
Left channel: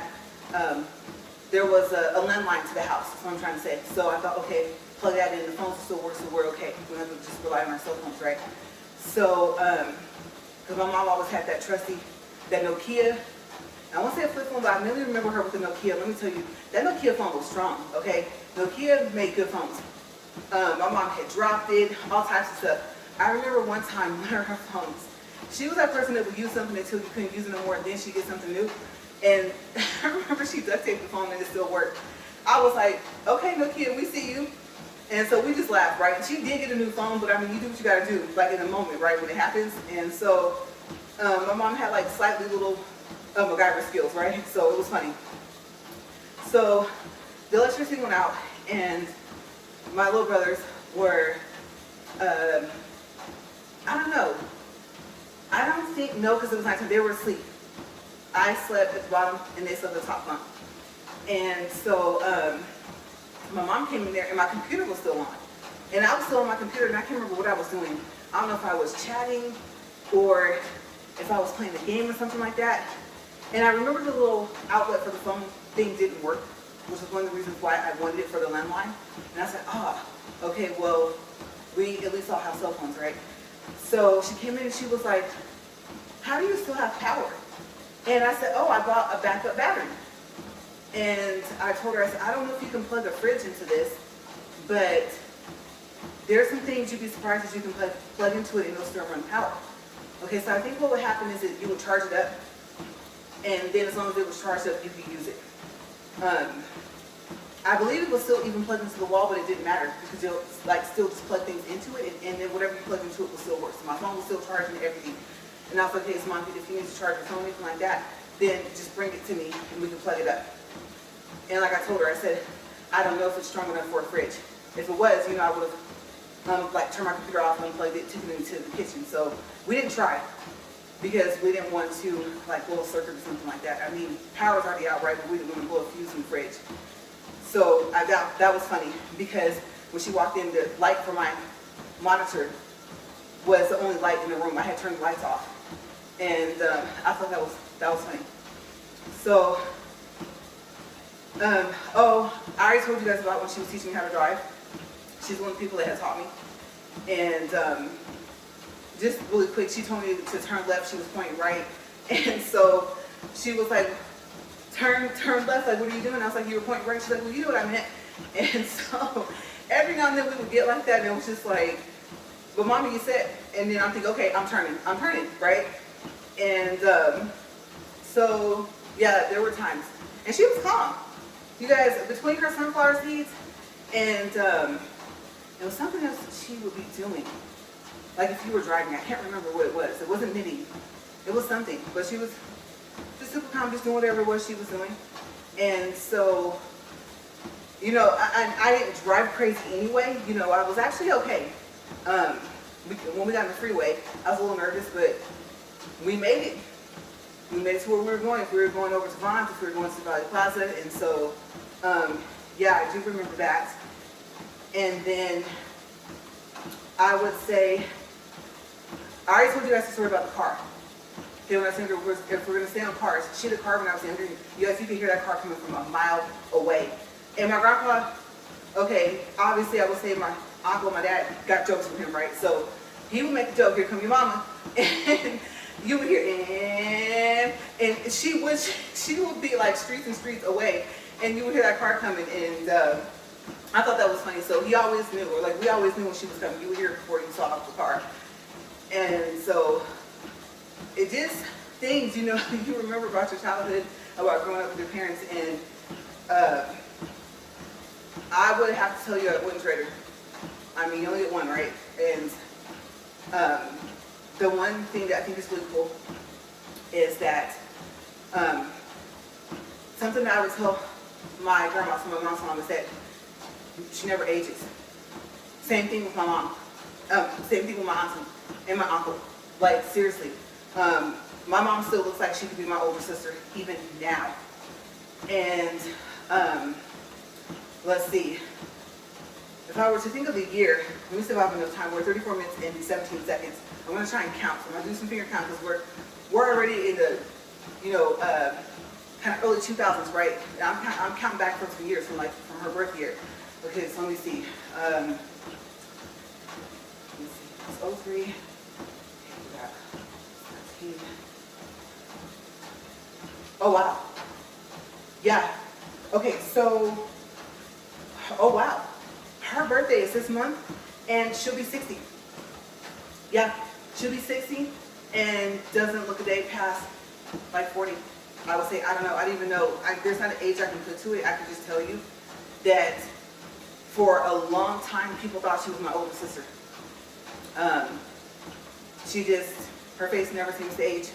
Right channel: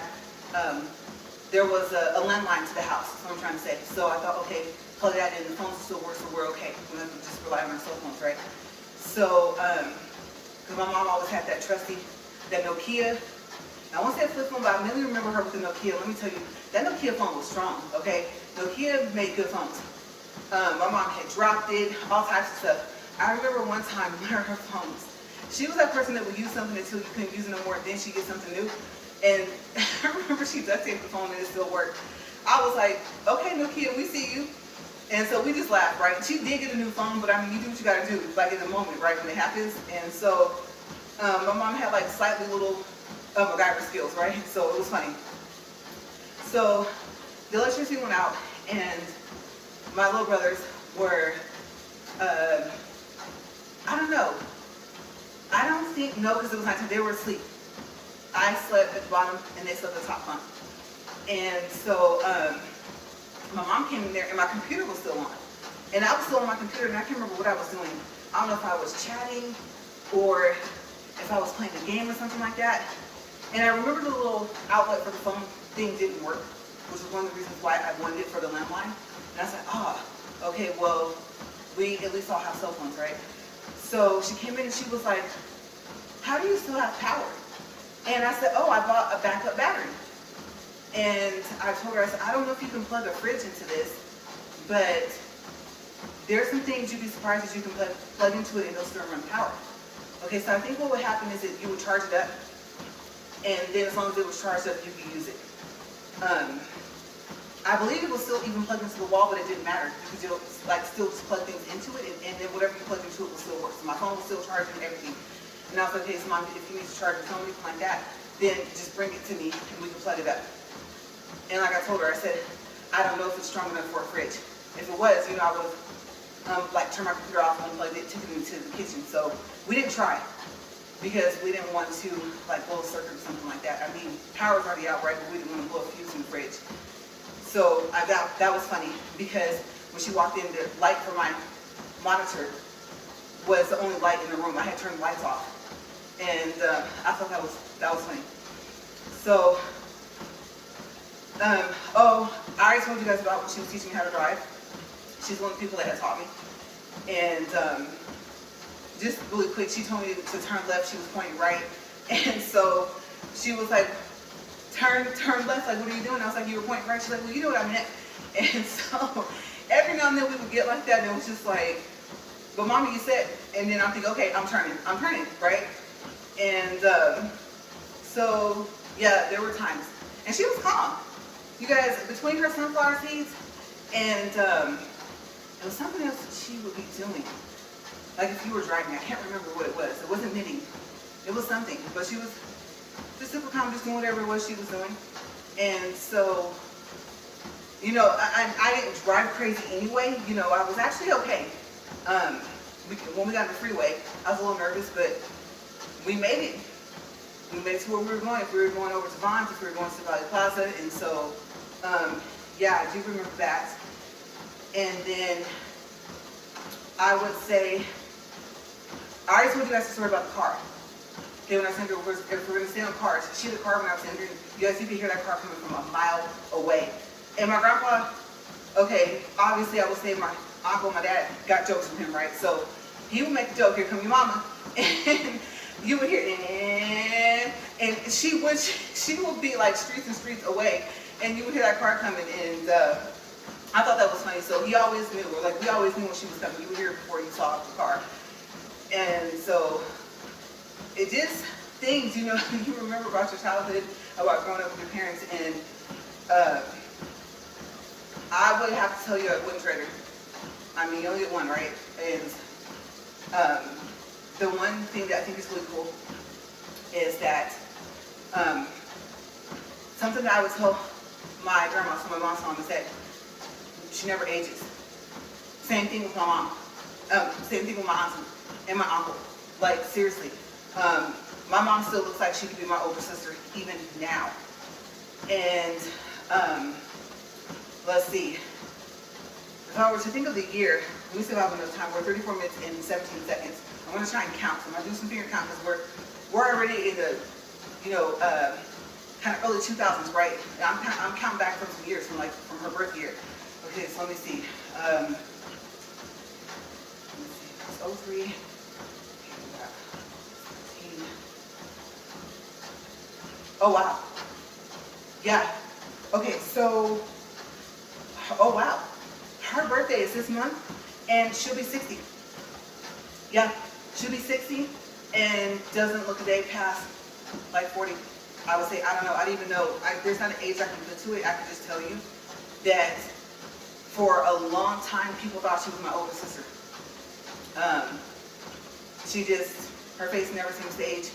there was a landline to the house, that's what I'm trying to say. So I thought, okay, plug that in, the phones still work, so we're okay. We don't have to just rely on our cell phones, right? So, because my mom always had that trusty, that Nokia. I won't say a flip phone, but I mainly remember her with the Nokia. Let me tell you, that Nokia phone was strong, okay? Nokia made good phones. My mom had dropped it, all types of stuff. I remember one time, one of her phones, she was that person that would use something until you couldn't use it no more, and then she'd get something new. And I remember she duct taped the phone and it still worked. I was like, okay, Nokia, we see you. And so we just laughed, right? And she did get a new phone, but I mean, you do what you gotta do, like in the moment, right, when it happens. And so my mom had like slightly little MacGyver skills, right? So it was funny. So the electricity went out, and my little brothers were, I don't know. I don't think, no, because it was nighttime, they were asleep. I slept at the bottom, and they slept at the top bunk. And so my mom came in there, and my computer was still on. And I was still on my computer, and I can't remember what I was doing. I don't know if I was chatting, or if I was playing a game or something like that. And I remember the little outlet for the phone thing didn't work, which was one of the reasons why I wanted it for the landline. And I said, okay, well, we at least all have cell phones, right? So she came in and she was like, how do you still have power? And I said, I bought a backup battery. And I told her, I said, I don't know if you can plug a fridge into this, but there's some things you'd be surprised that you can plug into it and it'll still run power. Okay, so I think what would happen is that you would charge it up, and then as long as it was charged up, you could use it. I believe it was still even plugged into the wall, but it didn't matter because you'll like still just plug things into it, and then whatever you plug into it will still work. So my phone was still charging and everything. And I was like, okay, so Mom, if you need to charge your phone or anything like that, then just bring it to me and we can plug it up. And like I told her, I said, I don't know if it's strong enough for a fridge. If it was, I would have like turned my computer off and unplugged it, took it into the kitchen. So we didn't try because we didn't want to like blow a circuit or something like that. I mean, power's already out, right? But we didn't want to blow a fuse in the fridge. So that was funny because when she walked in, the light for my monitor was the only light in the room. I had turned the lights off, and I thought that was funny. So, I already told you guys about when she was teaching me how to drive. She's one of the people that had taught me, and just really quick, she told me to turn left. She was pointing right, and so she was like, turn left, like, what are you doing? I was like, you were pointing right. She's like, well, you know what I meant. And so every now and then we would get like that, and it was just like, but Mommy, you said, and then I'm thinking, okay, I'm turning, right? And so, yeah, there were times. And she was calm. You guys, between her sunflower seeds and it was something else she would be doing. Like if you were driving, I can't remember what it was. It wasn't knitting. It was something, but she was just super calm, just doing whatever it was she was doing. And so, I didn't drive crazy anyway. I was actually okay. When we got on the freeway, I was a little nervous, but we made it. We made it to where we were going. If we were going over to Vaughn's, if we were going to Valley Plaza, and so, yeah, I do remember that. And then I would say, I already told you guys the story about the car. Okay, when I was younger, if we're going to stay on cars, she had a car when I was younger. You guys, you could hear that car coming from a mile away. And my grandpa, okay, obviously I would say my uncle, my dad got jokes from him, right? So he would make a joke, here come your mama. And you would hear, and she would be like streets and streets away, and you would hear that car coming, and I thought that was funny. So he always knew, or like we always knew when she was coming. You would hear it before you saw the car. And so it just things, you remember about your childhood. about growing up with your parents, and I would have to tell you I wouldn't trade her. I mean, you only get one, right? And the one thing that I think is really cool is that something that I would tell my grandma, so my mom's mom, is that she never ages. Same thing with my mom. Same thing with my auntie and my uncle. Like, seriously. My mom still looks like she could be my older sister even now. And let's see. If I were to think of the year, let me see if I have enough time. We're 34 minutes and 17 seconds. I'm going to try and count. So I'm going to do some finger count because we're already in the, kind of early 2000s, right? And I'm counting back from some years, from her birth year. Okay, so let me see. It's 03. Oh, wow. Yeah. Okay, so, oh, wow. Her birthday is this month, and she'll be 60. Yeah, she'll be 60, and doesn't look a day past, like, 40. I would say, I don't know, I don't even know. There's not an age I can put to it. I can just tell you that for a long time, people thought she was my older sister. Her face never seems to age.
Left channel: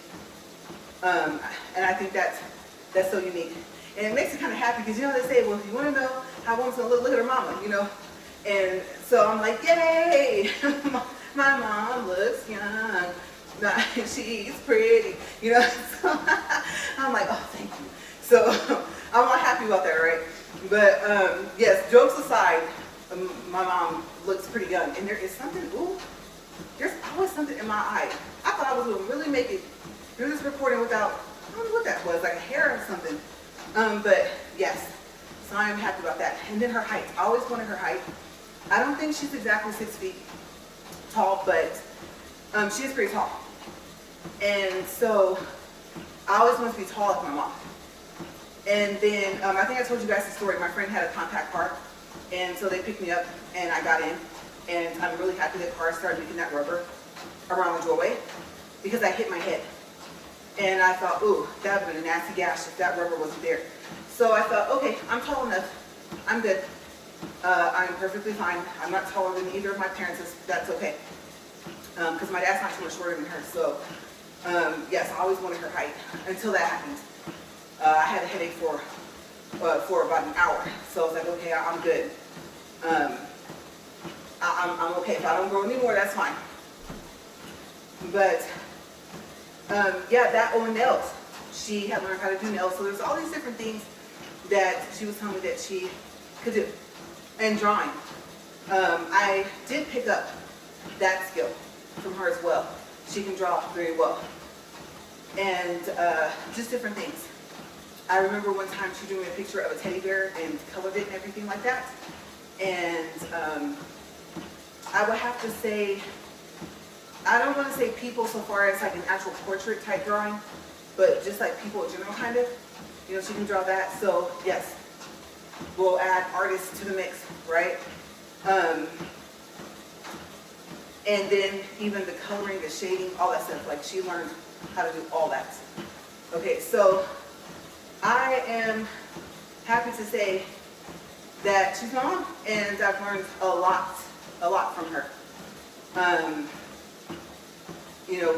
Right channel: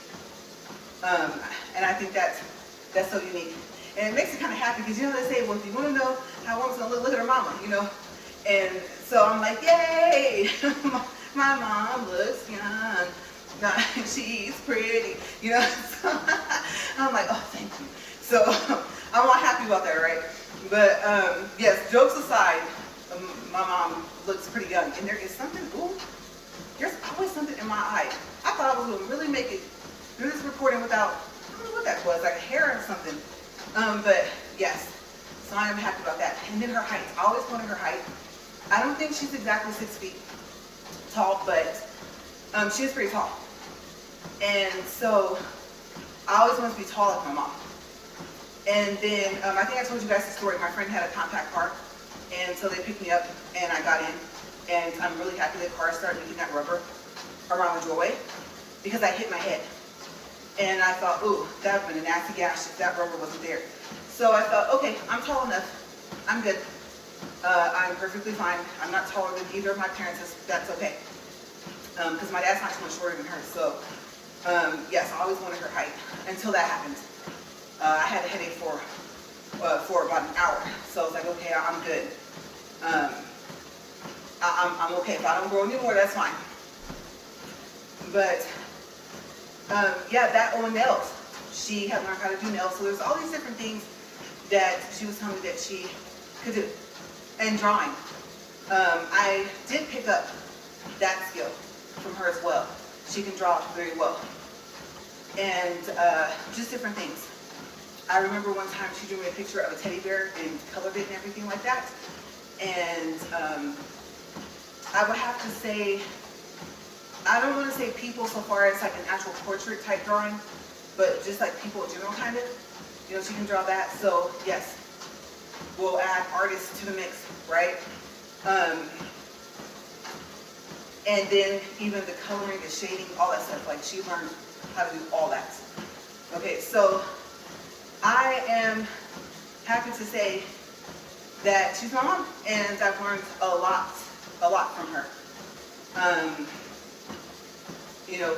And I think that's so unique. And it makes me kind of happy because, they say, well, if you want to know how one's going to look at her mama, And so I'm like, yay, my mom looks young. No, she's pretty, So I'm like, oh, thank you. So I'm all happy about that, right? But yes, jokes aside, my mom looks pretty young. And there is something, there's always something in my eye. I thought I was going to really make it through this recording without, I don't know what that was, like a hair or something. But yes, so I am happy about that. And then her height. I always wanted her height. I don't think she's exactly 6 feet tall, but she is pretty tall. And so I always wanted to be tall like my mom. And then I think I told you guys the story. My friend had a compact car, and so they picked me up, and I got in. And I'm really happy the car started making that rubber around the doorway because I hit my head. And I thought, ooh, that would have been a nasty gash if that rubber wasn't there. So I thought, okay, I'm tall enough. I'm good. I'm perfectly fine. I'm not taller than either of my parents. That's okay. Because my dad's not too much shorter than her. So, yes, I always wanted her height until that happened. I had a headache for about an hour. So I was like, okay, I'm good. I'm okay. If I don't grow anymore, that's fine. But yeah, that or nails. She had learned how to do nails. So there's all these different things that she was telling me that she could do. And drawing. I did pick up that skill from her as well. She can draw very well. And just different things. I remember one time she drew me a picture of a teddy bear and colored it and everything like that. And I would have to say, I don't want to say people so far as like an actual portrait type drawing, but just like people in general kind of. She can draw that. So yes, we'll add artists to the mix, right? And then even the coloring, the shading, all that stuff. Like she learned how to do all that. Okay, so I am happy to say that she's my mom, and I've learned a lot from her.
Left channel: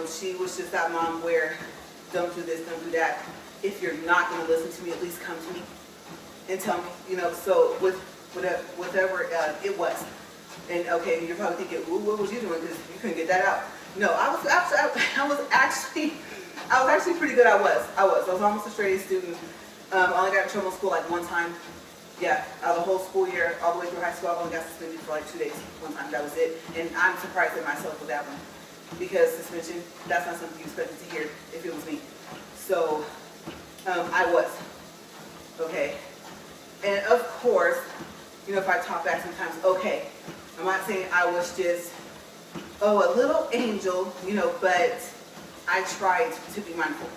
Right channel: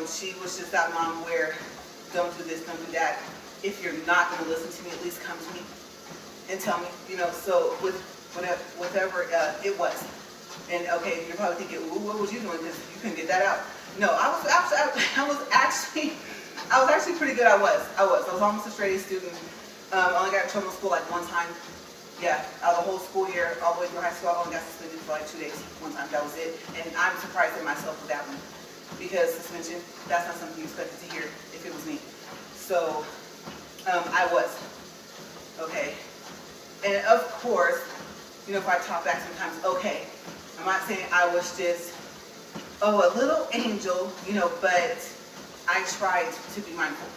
She was just that mom where don't do this, don't do that. If you're not going to listen to me, at least come to me and tell me. So with whatever it was. And okay, you're probably thinking, well, what was you doing? Because you couldn't get that out. No, I was actually pretty good. I was almost a straight A student. I only got in trouble in school like one time. Yeah, the whole school year, all the way through high school, I only got suspended for like 2 days. One time, that was it. And I'm surprised at myself for that one. Because suspension, that's not something you expected to hear if it was me. So, I was. Okay. And of course, if I talk back sometimes, okay, I'm not saying I was just, a little angel, but I tried to be mindful.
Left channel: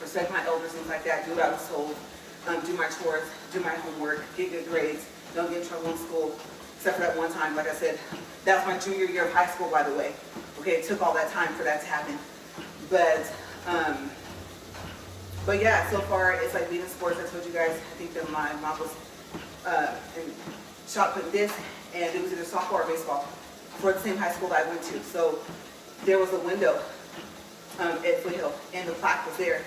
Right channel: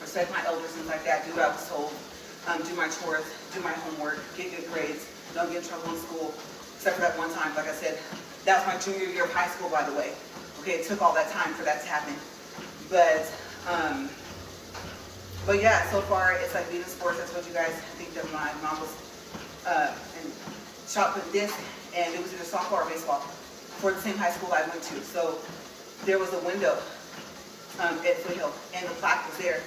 Respect my elders, things like that, do what I was told, do my chores, do my homework, get good grades, don't get in trouble in school, except for that one time, like I said, that was my junior year of high school, by the way. Okay, it took all that time for that to happen. But, But yeah, so far it's like being in sports. I told you guys, I think that my mom was in shot put this, and it was either softball or baseball for the same high school I went to. So there was a window at Foothill, and the plaque was there.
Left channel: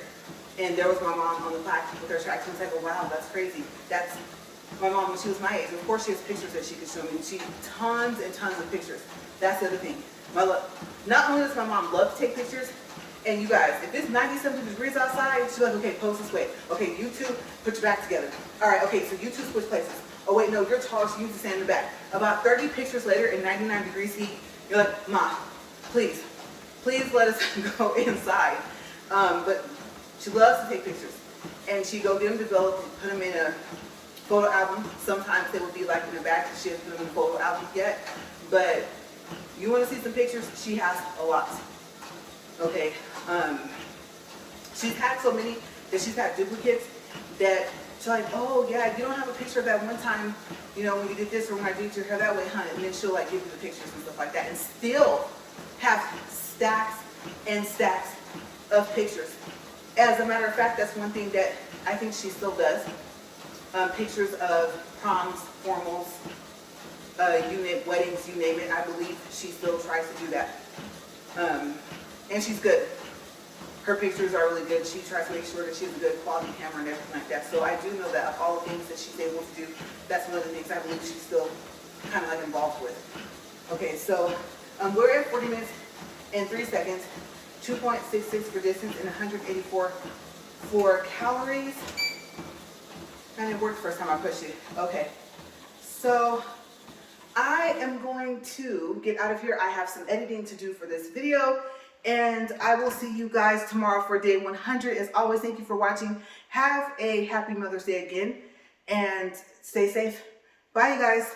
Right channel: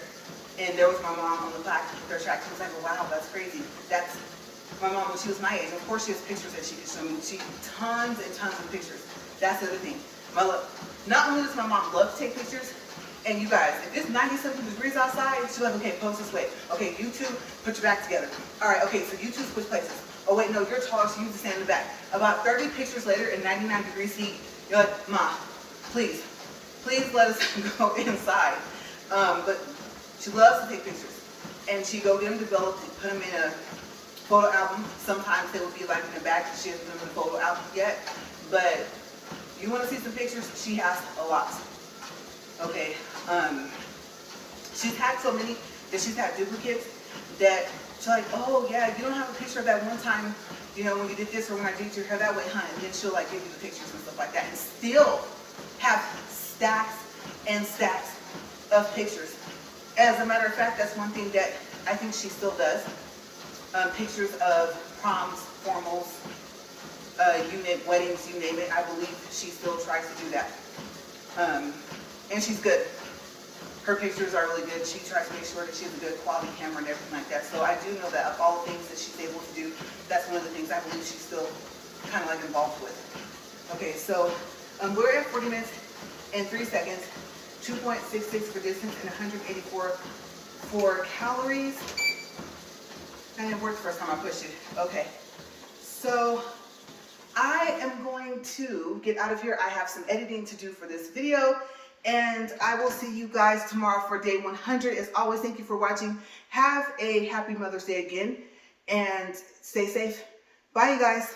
And there was my mom on the plaque with her tracks. I was like, oh, wow, that's crazy. That's my mom when she was my age. And of course, she has pictures that she can show me. She tons and tons of pictures. That's the other thing. Not only does my mom love to take pictures, and you guys, if it's 90-something degrees outside, she's like, okay, pose this way. Okay, you two, put your back together. All right, okay, so you two switch places. Oh, wait, no, you're taller, so you need to stand in the back. About 30 pictures later in 99 degrees heat, you're like, Mom, please let us go inside. But she loves to take pictures. And she go get them developed and put them in a photo album. Sometimes they will be like in a bag because she hasn't put them in a photo album yet. But you want to see some pictures? She has a lot. Okay. She's had so many that she's had duplicates that she's like, oh yeah, you don't have a picture of that one time, you know, when you did this or when I did your hair that way, honey. And then she'll like give you the pictures and stuff like that, and still have stacks and stacks of pictures. As a matter of fact, that's one thing that I think she still does. Pictures of proms, formals, weddings, you name it. I believe she still tries to do that. And she's good. Her pictures are really good. She tries to make sure that she has a good quality camera and everything like that. So I do know that of all the things that she's able to do, that's one of the things I believe she's still kind of like involved with. Okay, so we're at 40 minutes and 3 seconds, 2.66 for distance and 184 for calories. And it worked the first time I pushed it. Okay, so I am going to get out of here. I have some editing to do for this video, and I will see you guys tomorrow for day 100. As always, thank you for watching. Have a happy Mother's Day again, and stay safe. Bye, you guys.